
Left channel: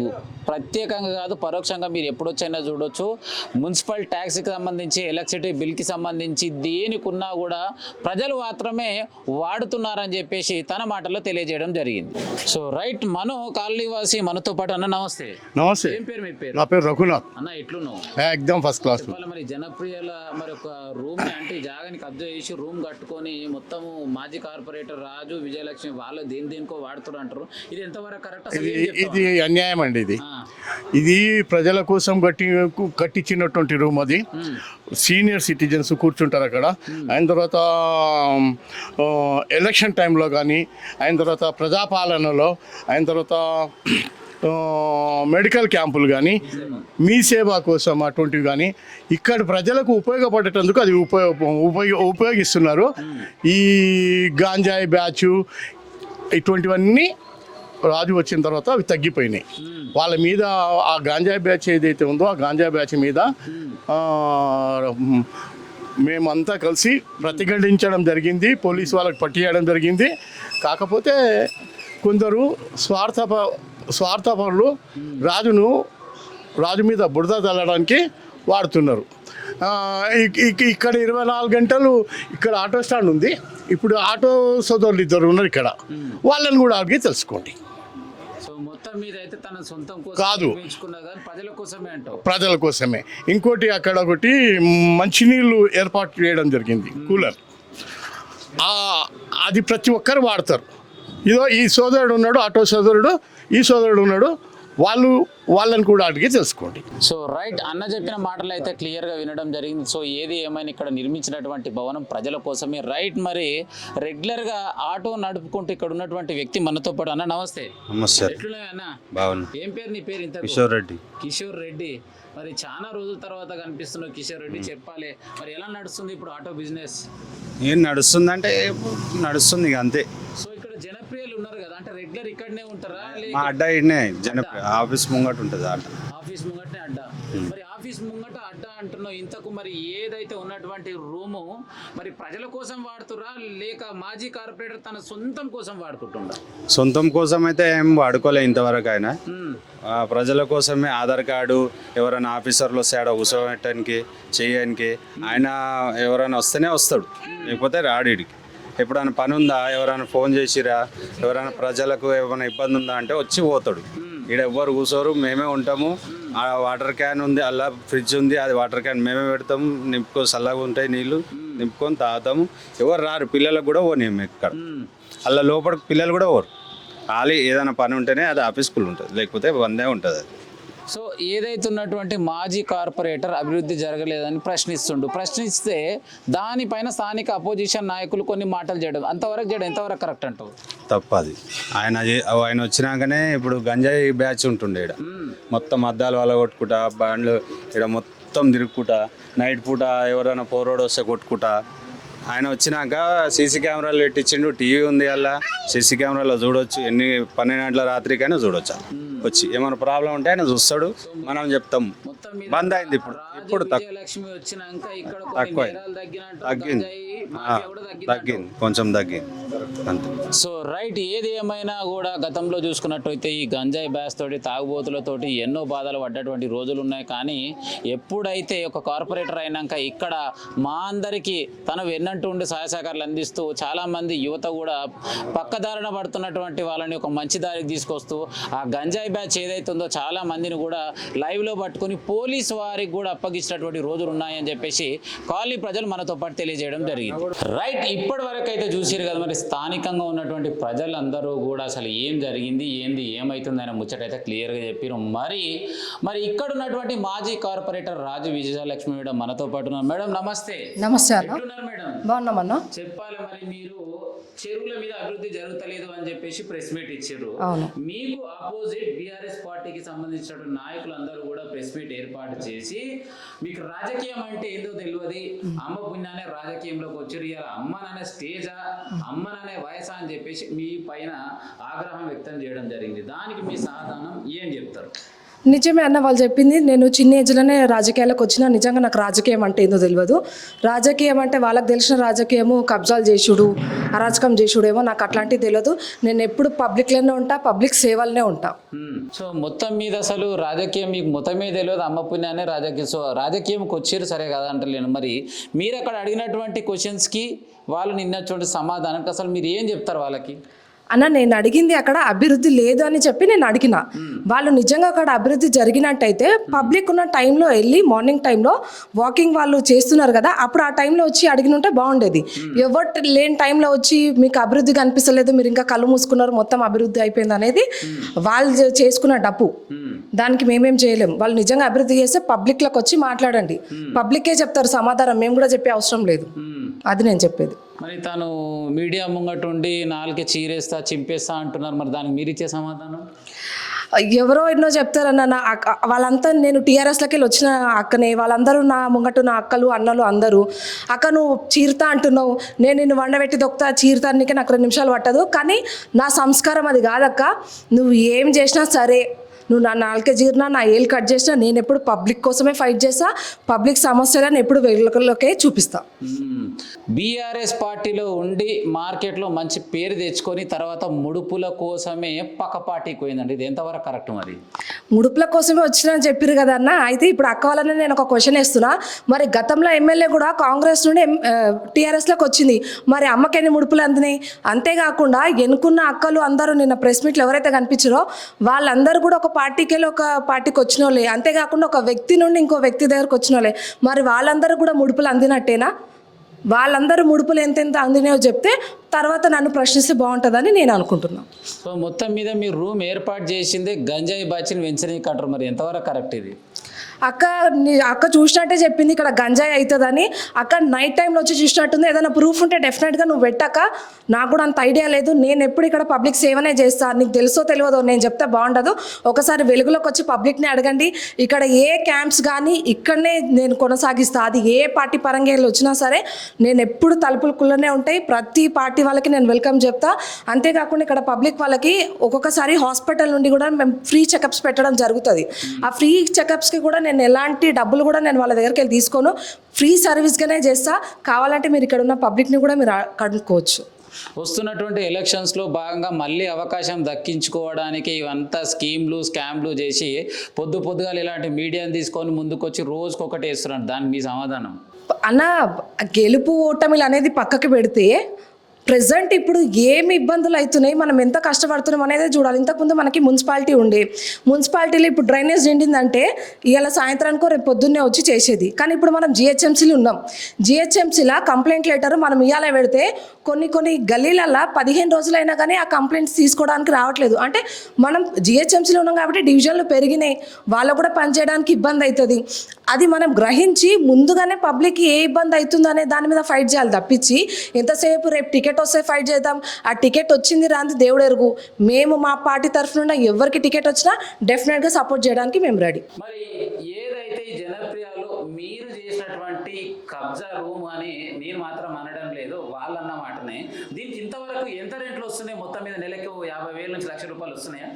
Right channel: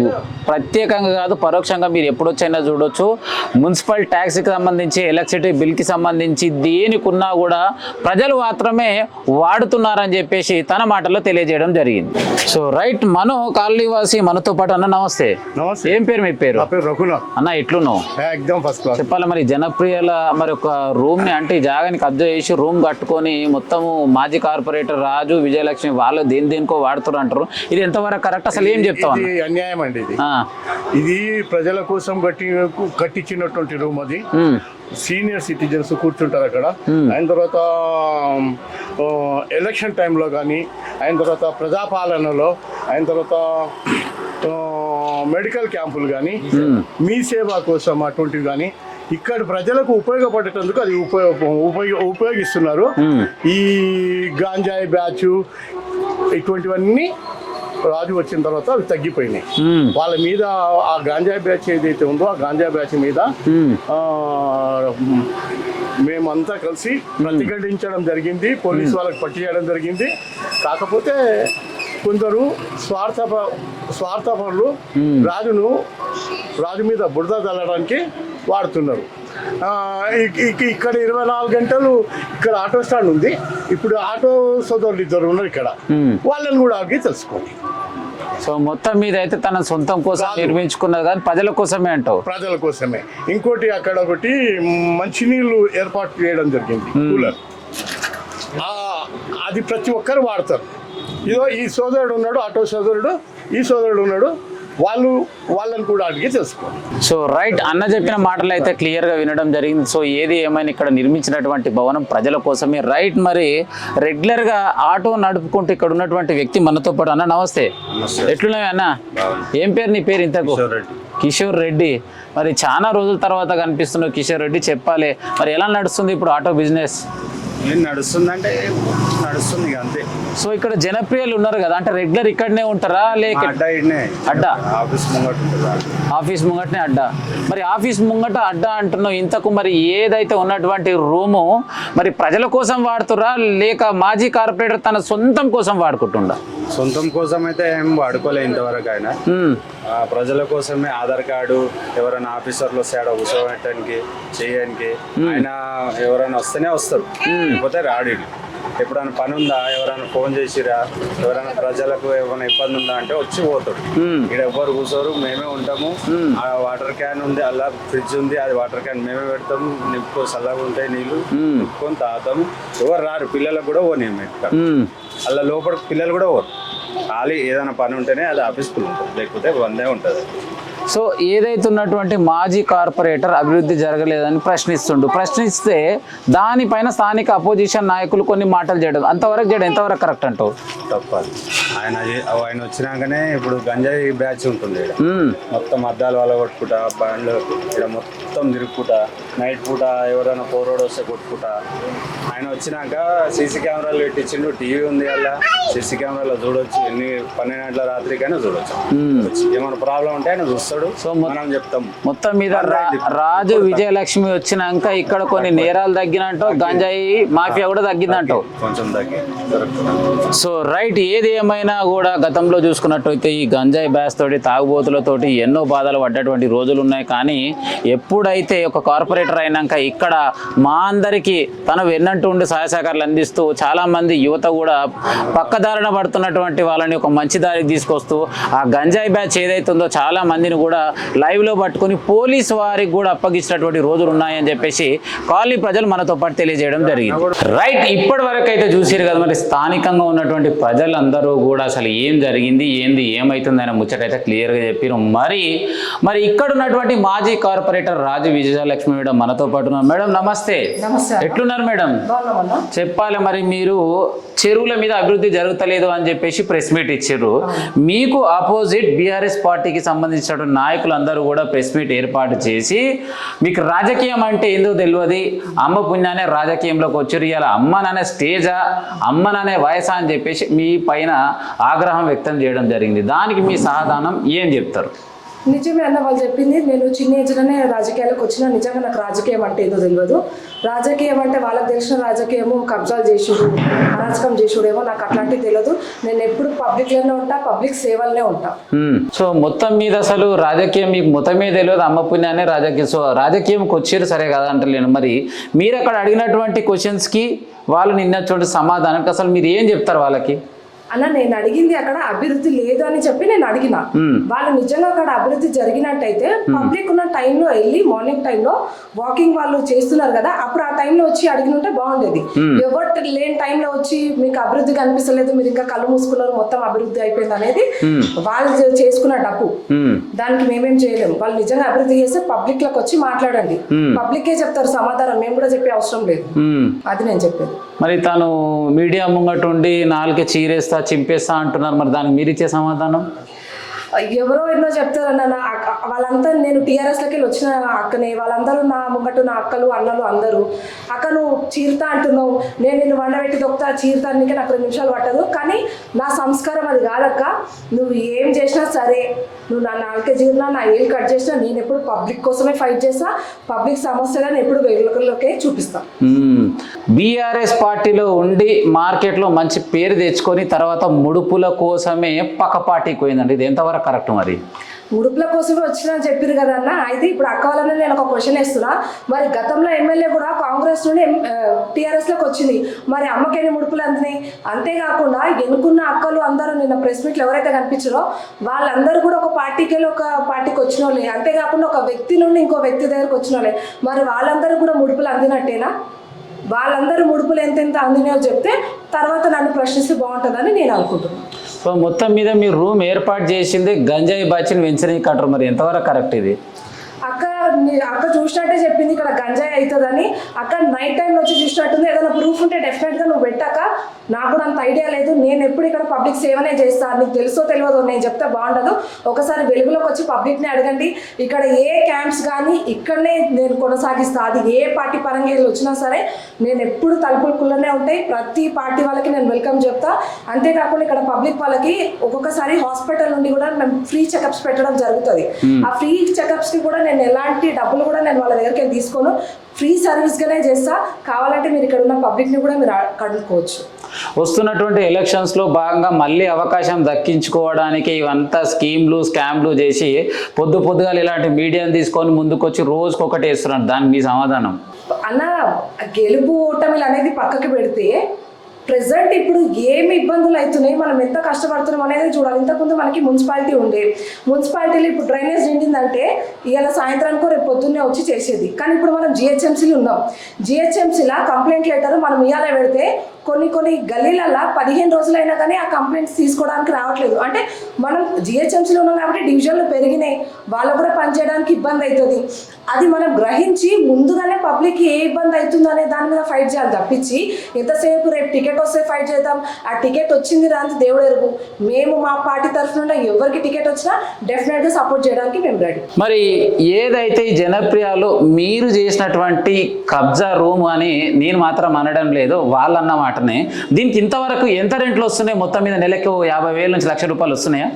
ప్రత్యేకంగా కాదు పరోక్షంగా మీరు ఎప్పుడొచ్చైనా చూడొచ్చు. మున్సిపల్ ట్యాక్స్కి సంబంధించి ఎలక్ట్రిసిటీ బిల్కి సంబంధించి దేనికున్నా కూడా ప్రజలు మాత్రమే వాడుతున్నారని చెప్పేసి తన మాటల్లో తెలియజేయడం జరిగింది. So right. మను కాలనీవాసి మనతో పాటు అన్న నమస్తే. ఏం పేరు మీ పేరు? రఘునాథ్ అన్న. ఎట్లున్నావు? ఎక్దమ్ ఫస్ట్ క్లాస్. చెప్పాలి మరి జనప్రియల మరి ఒక రూమ్ ని అంటే జాగాని కబ్జా చేసి రూమ్ కట్టుకొని మొత్తము మాజీ కార్పొరేటర్ రాజు విజయలక్ష్మి వాళ్ళు దేనికో వాడుతారు అంటారు. ఇది ఎంతవరకు కరెక్ట్? అసలు ఏం చెప్తావు? అన్యాయం అండి ఇది. ఇది ప్రజల కోసం కట్టించినటువంటి రూమ్. అది సీనియర్ సిటిజన్స్ కూర్చుంటారు అక్కడ. అయిన తర్వాత ఎలక్షన్ టైంలో కానీ, అయిన తర్వాత ప్రజాపాలనలో, అయిన తర్వాత మెడికల్ క్యాంపులు కానీ, మీ సేవ కోసం అటువంటివి కానీ ఇక్కడ ప్రజలకు ఉపయోగపడేటందుకు అది ఉపయోగిస్తున్నారు. ఈ గాంజాయి బ్యాచ్ ఇటువంటివన్నీ రాజు వచ్చిన తర్వాత అవి తగ్గిపోయినాయి. వాళ్ళ మీద ఆ గాంజాయి బ్యాచ్ ఏదైతే ఉందో ఆ గాంజాయి బ్యాచ్ మీద మేమంతా కలిసి ప్రతిఘటించడం జరిగింది. పోలీసు వాళ్ళకి పట్టియడం జరిగింది. కాకపోతే కొందరు స్వార్థపరులు రాజు మీద బురద చల్లడానికి వాడుతున్నారు. ఇక్కడ 24 గంటలు ఇక్కడ ఆటో స్టాండ్ ఉంది. ఇప్పుడు ఆటో సోదరులు 2 ఉన్నారు ఇక్కడ. వాళ్ళని కూడా అడిగి తెలుసుకోండి. సో మొత్తం మీద అయితే తన సొంతం కోసం నిర్మించుకున్నది కానీ ప్రజల కోసమే అంటావు? ప్రజల కోసమే. ఇంకోటి అక్కడ ఒకటి మంచినీళ్ళు ఏర్పాటు చేయడం జరిగింది, కూలర్. అది ప్రతి ఒక్కరు వాడతారు. ఇదో ఈ సోదరుడు ఉన్నాడు, ఆటో సోదరుడు, ఈ సోదరుడు ఉన్నాడు, వాళ్ళని కూడా అడిగి తెలుసుకోండి. సో రైట్, అన్న చెప్పిన మాటలు అయితే క్లియర్గా వినడం జరిగింది. సో ఏది ఏమైనా ఇక్కడ నిర్మించినటువంటి భవనం ప్రజల కోసమే. రైట్, మరి రెగ్యులర్గా ఆటో నడుపుకుంటూ ఇక్కడ ఉన్నటువంటి వ్యక్తి మనతో పాటు. అన్న నమస్తే, ఎట్లున్నాయి అన్న? ఏం పేరు నీ పేరు ఇంతకు? కిషోర్ రెడ్డి. మరి చాలా రోజుల తర్వాత కనిపిస్తున్నావు కిషోర్ రెడ్డి, చెప్పాలి మరి ఎలా నడుస్తుంది ఇప్పుడు ఆటో బిజినెస్? ఏం నడుస్తుందంటే నడుస్తుంది ఇక అంతే. సో ఇక్కడ జనప్రియలు ఉన్నారు కదా, అంటే రెగ్యులర్ ఇక్కడనే ఉంటారా లేక అడ్డా ఇన్నే అడ్డా? ఆఫీస్ ముంగట ఉంటుంది. ఆఫీస్ ముంగటనే అడ్డా. మరి ఆఫీస్ ముంగట అడ్డా అంటున్నావు, ఇంతకు మరి ఏదైతే ఉన్నటువంటి రూము మరి ప్రజల కోసం వాడుతురా లేక మాజీ కార్పొరేటర్ తన సొంతం కోసం వాడుకుంటుండా? సొంతం కోసం అయితే ఏం వాడుకోలే ఇంతవరకు. ఆయన ప్రజల కోసమే ఆధార్ కార్డు ఎవరైనా ఆఫీసర్లు వస్తే ఆడ కూర్చోబెట్టడానికి చేయడానికి ఆయన ఎవరైనా వస్తేనే వస్తాడు, లేకపోతే రాడు. ఎప్పుడైనా పని ఉందా, ఎవరైనా ఫోన్ చేసిరా, ఎవరైనా ప్రజలకు ఏమైనా ఇబ్బంది ఉందా అంటే వచ్చి పోతాడు. ఇక్కడ ఎవ్వరు కూర్చోరు, మేమే ఉంటాము. ఆ వాటర్ క్యాన్ ఉంది, అలా ఫ్రిడ్జ్ ఉంది, అది వాటర్ క్యాన్ మేమే పెడతాము, నింపుకో చల్లగా ఉంటాయి నీళ్ళు, నింపుకొని తాగుతాము. ఎవరు రారు, పిల్లలకు కూడా పోనీము ఇక్కడ. అలా లోపల పిల్లలు కూడా పోరు, ఖాళీ ఏదైనా పని ఉంటేనే అది ఆఫీస్ఫుల్ ఉంటుంది, లేకపోతే బందే ఉంటుంది. సో ఏదైతే ఉన్నటువంటి మాజీ కార్పొరేటర్ అభివృద్ధి జరగలేదని ప్రశ్నిస్తే దానిపైన స్థానిక అపోజిషన్ నాయకులు కొన్ని మాటలు చేయడం, అంతవరకు చేయడం ఎంతవరకు కరెక్ట్ అంటావు? తప్పది. ఆయన వచ్చినాకనే ఇప్పుడు గంజాయి బ్యాచ్ ఉంటుండే ఇక్కడ. మొత్తం అద్దాలు వాళ్ళ కొట్టుకుంటా, బండ్లు ఇక్కడ మొత్తం తిరుగుకుంటా, నైట్ పూట ఎవరైనా పోరోడు వస్తే కొట్టుకుంటా. ఆయన వచ్చినాక సీసీ కెమెరాలు పెట్టించిండు, టీవీ ఉంది అలా, సీసీ కెమెరాలో చూడొచ్చు, ఎన్ని 12 గంటల రాత్రికైనా చూడొచ్చు. వచ్చి ఏమైనా ప్రాబ్లం ఉంటే ఆయన చూస్తాడు, మనం చెప్తాం. మొత్తం మీద రాజు విజయలక్ష్మి వచ్చినాక ఇక్కడ కొన్ని నేరాలు తగ్గినట్టు, గంజాయి మాఫియా కూడా తగ్గిందంట, కొంచెం తగ్గి. సో రైట్, ఏది ఏమైనా కూడా గతంలో చూసుకున్నట్టయితే ఈ గంజాయి బ్యాస్ తోటి తాగుబోతులతోటి ఎన్నో బాధలు పడ్డటువంటి రోజులు ఉన్నాయి. కానీ ఎప్పుడైతే ఒక కార్పొరేటర్ అయినాక ఇక్కడ మా అందరికీ తను వెన్నంటూ ఉండి సహాయ సహకారాలు అందిస్తూ చాలామంది యువత కూడా పక్కదారిన పడుతున్నటువంటి వాళ్ళని ఒక మంచి దారికి తీసుకొస్తూ ఆ గంజాయి బ్యాచ్ ఏదైతుందో చాలా మందిని కూడా లైవ్లో పట్టుకొని పోలీసు వారికి కూడా అప్పగించినటువంటి రోజులు ఉన్నాయని చెప్పేసి కాలనీ ప్రజలు మనతో పాటు తెలియజేయడం జరిగింది. రైట్, ఇప్పటి వరకు అయితే చూసారు కదా, మరి స్థానికంగా ఉన్నటువంటి ప్రజలందరూ కూడా అసలు ఏం జరిగింది ఏంది ఏమవుతుంది అనే ముచ్చటైతే క్లియర్గా చెప్పారు. మరి ఇక్కడ ఉన్నటువంటి మాజీ కార్పొరేటర్ రాజు విజయలక్ష్మి మేడం మనతో పాటు ఉన్నారు. మేడం నమస్తే. నమస్తే. ఎట్లున్నారు మేడం? చెప్పాలి, మరి మీరు చెరువుల మీద అభివృద్ధి జరుగుతలేదు అని చెప్పేసి ప్రెస్ మీట్ ఇచ్చారు. మీకు ఆపోజిట్ బీఆర్ఎస్ పార్టీకి సంబంధించినటువంటి నాయకులు అందరూ కూడా ప్రెస్ మీట్ ఏర్పాటు చేసి మీకు రాజకీయం అంటే ఏందో తెలియదు, అమ్మ పుణ్యానే రాజకీయంలోకి వచ్చారు, ఇలా అమ్మననే స్టేజా అమ్మననే వయసా అని చెప్పేసి మీ పైన ఆగ్రహం వ్యక్తం చేయడం జరిగింది. దానికి మీ సమాధానం ఏం చెప్తారు? నిజమే అన్న, వాళ్ళు చెప్పింది. నేను చిన్న ఏజ్లోనే రాజకీయాలకు వచ్చినా నిజంగా నాకు రాజకీయం అంటే ఏదో తెలియదు. రాజకీయం అంటే వాళ్ళకి తెలిసిన రాజకీయము కబ్జాలు చేసుడు, అరాచకం చేసుడేమో, నాకు అట్లాంటివి తెలియదు. నేను ఎప్పుడు పబ్లిక్లోనే ఉంటా, పబ్లిక్ సేవలనే ఉంటా. సో మొత్తం మీద అసలు రాజకీయం మీకు మొత్తమే తెలియదు, అమ్మ పుణ్యానే రాజకీయం. సో రాజకీయంకి వచ్చారు సరే కదా అంటలేను, మరి మీరు అక్కడ అడిగినటువంటి క్వశ్చన్స్కి వాళ్ళు నిన్నటువంటి సమాధానానికి అసలు మీరు ఏం చెప్తారు వాళ్ళకి? అన్న, నేను అడిగింది అక్కడ అభివృద్ధి లేదు అని చెప్పి నేను అడిగిన. వాళ్ళు నిజంగా అక్కడ అభివృద్ధి జరిగినట్టయితే పబ్లిక్ ఉన్న టైంలో వెళ్ళి మార్నింగ్ టైంలో వాకింగ్ వాళ్ళు చేస్తున్నారు కదా, అప్పుడు ఆ టైంలో వచ్చి అడిగినుంటే బాగుండేది. ఎవరు లేని టైంలో వచ్చి మీకు అభివృద్ధి కనిపిస్తలేదు, మీరు ఇంకా కళ్ళు మూసుకున్నారు, మొత్తం అభివృద్ధి అయిపోయింది అనేది వాళ్ళు చేసుకున్న డబ్బు. దానికి మేమేం చేయలేము. వాళ్ళు నిజంగా అభివృద్ధి చేస్తే పబ్లిక్ లకు వచ్చి మాట్లాడండి, పబ్లికే చెప్తారు సమాధానం, మేము కూడా చెప్పే అవసరం లేదు. అది నేను చెప్పేది. మరి తను మీడియా ముంగట ఉండి నాలుగు చీరేస్తా చింపేస్తా అంటున్నారు, మరి దానికి మీరు ఇచ్చే సమాధానం? ఎవరో ఎన్నో చెప్తారన్న, వాళ్ళంతా నేను టీఆర్ఎస్లోకి వెళ్ళి వచ్చిన అక్కనే, వాళ్ళందరూ నా ముంగట నా అక్కలు అన్నలు అందరూ, అక్క నువ్వు చీరతా అంటున్నావు, నేను నిన్ను వండబెట్టి దొక్కుతా చీరతానికి నాకు 2 నిమిషాలు పట్టదు, కానీ నా సంస్కారం అది కాదక్క. నువ్వు ఏం చేసినా సరే, నువ్వు నా నాలుకే జీర్నా, నా ఏళ్ళు కట్ చేసినా, నేను ఎప్పుడు పబ్లిక్ కోసమే ఫైట్ చేస్తా, పబ్లిక్ సమస్యలను ఎప్పుడు వెలుగులోకే చూపిస్తా. బీఆర్ఎస్ పార్టీలో ఉండి మార్కెట్లో మంచి పేరు తెచ్చుకొని తర్వాత ముడుపుల కోసమే పక్క పార్టీకి పోయిందండి, ఇది ఎంతవరకు కరెక్ట్? మరి ముడుపుల కోసమే వచ్చిందని చెప్పారు కదా అన్న. అయితే ఇప్పుడు అక్క వాళ్ళని నేను ఒక క్వశ్చన్ వేస్తున్నా, మరి గతంలో ఎమ్మెల్యే కూడా కాంగ్రెస్ నుండి టీఆర్ఎస్లోకి వచ్చింది, మరి అమ్మకి ఎన్ని ముడుపులు అందినాయి? అంతేకాకుండా ఎన్నుకున్న అక్కలు అందరూ నిన్న ప్రెస్ మీట్లు ఎవరైతే కనిపించారో వాళ్ళందరూ కూడా ఒక పార్టీకి వెళ్ళి ఒక పార్టీకి వచ్చిన వాళ్ళే, అంతేకాకుండా ఒక వ్యక్తి నుండి ఇంకో వ్యక్తి దగ్గరకు వచ్చిన వాళ్ళే. మరి వాళ్ళందరూ కూడా ముడుపులు అందినట్టేనా? వాళ్ళందరూ ముడుపులు ఎంతెంత అందినాయో చెప్తే తర్వాత నన్ను ప్రశ్నిస్తే బాగుంటుందని నేను అనుకుంటున్నాను. సో మొత్తం మీద మీరు రూమ్ ఏర్పాటు చేసింది గంజాయి బాచిని పెంచడానికి అంటారు, మరి ఎంతవరకు కరెక్ట్ ఇది? అక్క చూసినట్టే చెప్పింది ఇక్కడ గంజాయి అవుతుందని. అక్క నైట్ టైంలో వచ్చి చూసినట్టుంది. ఏదైనా ప్రూఫ్ ఉంటే డెఫినెట్గా నువ్వు పెట్టాక, నాకు కూడా అంత ఐడియా లేదు. నేను ఎప్పుడు ఇక్కడ పబ్లిక్ సేవనే చేస్తాను. నీకు తెలుసో తెలియదో నేను చెప్తే బాగుండదు. ఒకసారి వెలుగులోకి వచ్చి పబ్లిక్ని అడగండి. ఇక్కడ ఏ క్యాంప్స్ కానీ ఇక్కడనే నేను కొనసాగిస్తాను. అది ఏ పార్టీ పరంగా వచ్చినా సరే నేను ఎప్పుడు తలుపులకుள்ளనే ఉంటాయి. ప్రతి పార్టీ వాళ్ళకి నేను వెల్కమ్ చెప్తా. అంతేకాకుండా ఇక్కడ పబ్లిక్ వాళ్ళకి ఒక్కొక్కసారి హాస్పిటల్ నుండి కూడా మేము ఫ్రీ చెకప్స్ పెట్టడం జరుగుతుంది. ఆ ఫ్రీ చెకప్స్కి కూడా నేను ఎలాంటి డబ్బులు కూడా నేను వాళ్ళ దగ్గరికి వెళ్ళి తీసుకోను. ఫ్రీ సర్వీస్గానే చేస్తా. కావాలంటే మీరు ఇక్కడ ఉన్న పబ్లిక్ని కూడా మీరు కనుక్కోవచ్చు. వస్తున్నటువంటి ఎలక్షన్స్లో భాగంగా మళ్ళీ అవకాశం దక్కించుకోవడానికి ఇవంతా స్కీమ్లు స్కామ్లు చేసి పొద్దుగాల ఇలాంటి మీడియాని తీసుకొని ముందుకొచ్చి రోజుకొకటి వేస్తున్నారు. దానికి మీ సమాధానం? అన్న, గెలుపు ఓటమిలు అనేది పక్కకి పెడితే ప్రెసెంట్ ఇప్పుడు ఏమి ఇబ్బందులు అవుతున్నాయి, మనం ఎంత కష్టపడుతున్నాం అనేది చూడాలి. ఇంతకుముందు మనకి మున్సిపాలిటీ ఉండే, మున్సిపాలిటీలో ఇప్పుడు డ్రైనేజ్ నిండిందంటే ఇవాళ సాయంత్రానికో రేపు పొద్దున్నే వచ్చి చేసేది. కానీ ఇప్పుడు మనం జిహెచ్ఎంసీలు ఉన్నాం. జిహెచ్ఎంసీలా కంప్లైంట్ లెటర్ మనం ఇవాళ పెడితే కొన్ని గల్లీలల్లో 15 రోజులైనా కానీ ఆ కంప్లైంట్స్ తీసుకోవడానికి రావట్లేదు. అంటే మనం జిహెచ్ఎంసీలో ఉన్నాం కాబట్టి డివిజన్లు పెరిగినాయి, వాళ్ళకు కూడా పనిచేయడానికి ఇబ్బంది అవుతుంది. అది మనం గ్రహించి ముందుగానే పబ్లిక్కి ఏ ఇబ్బంది అవుతుంది అనే దాని మీద ఫైట్ చేయాలి తప్పించి ఎంతసేపు రేపు టికెట్ వస్తే ఫైట్ చేద్దాం, ఆ టికెట్ వచ్చింది రాంది దేవుడు ఎరుగు. మేము మా పార్టీ తరఫున ఎవరికి టికెట్ వచ్చినా డెఫినెట్గా సపోర్ట్ చేయడానికి మేము రెడీ. మరి ఏదైతే ఈ జనప్రియలో మీరు చేసినటువంటి కబ్జా రూమ్ అని నేను మాత్రం అనడం లేదు, వాళ్ళన్న మాటనే, దీనికి ఇంతవరకు ఎంత రెంట్లు వస్తున్నాయి? మొత్తం మీద నెలకు 50,000 నుంచి ₹1,00,000 వస్తున్నాయా?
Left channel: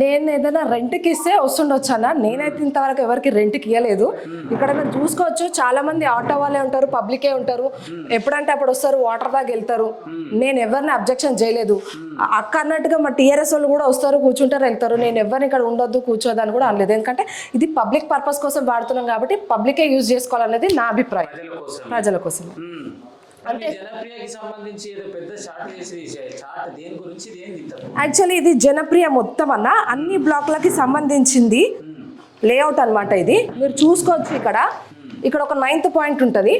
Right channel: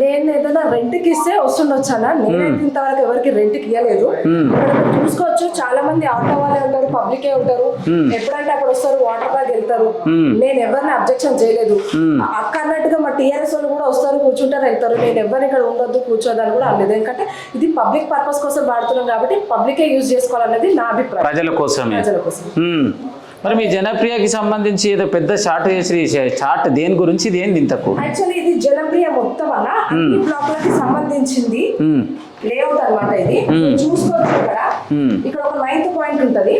నేను ఏదైనా రెంట్కి ఇస్తే వస్తుండొచ్చానా? నేనైతే ఇంతవరకు ఎవరికి రెంట్కి ఇవ్వలేదు. ఇక్కడ మీరు చూసుకోవచ్చు, చాలా మంది ఆటో వాళ్ళే ఉంటారు, పబ్లికే ఉంటారు. ఎప్పుడంటే అప్పుడు వస్తారు, వాటర్ బ్యాగ్ వెళ్తారు. నేను ఎవరిని అబ్జెక్షన్ చేయలేదు. అక్క అన్నట్టుగా మా టీఆర్ఎస్ వాళ్ళు కూడా వస్తారు, కూర్చుంటారు, వెళ్తారు. నేను ఎవరిని ఇక్కడ ఉండొద్దు కూర్చోదని కూడా అనలేదు. ఎందుకంటే ఇది పబ్లిక్ పర్పస్ కోసం వాడుతున్నాం కాబట్టి పబ్లికే యూజ్ చేసుకోవాలనేది నా అభిప్రాయం. ప్రజల కోసం. మరి మీ జనప్రియకి సంబంధించి ఏదో పెద్ద చార్ట్ చేసి, చార్ట్ దేని గురించి, దేని ఇంతకు? యాక్చువల్లీ ఇది జనప్రియ మొత్తం అన్న అన్ని బ్లాక్లకి సంబంధించింది లేఅవుట్ అన్నమాట. ఇది చూసుకోవచ్చు. ఇక్కడ ఒక 9th పాయింట్ ఉంటది.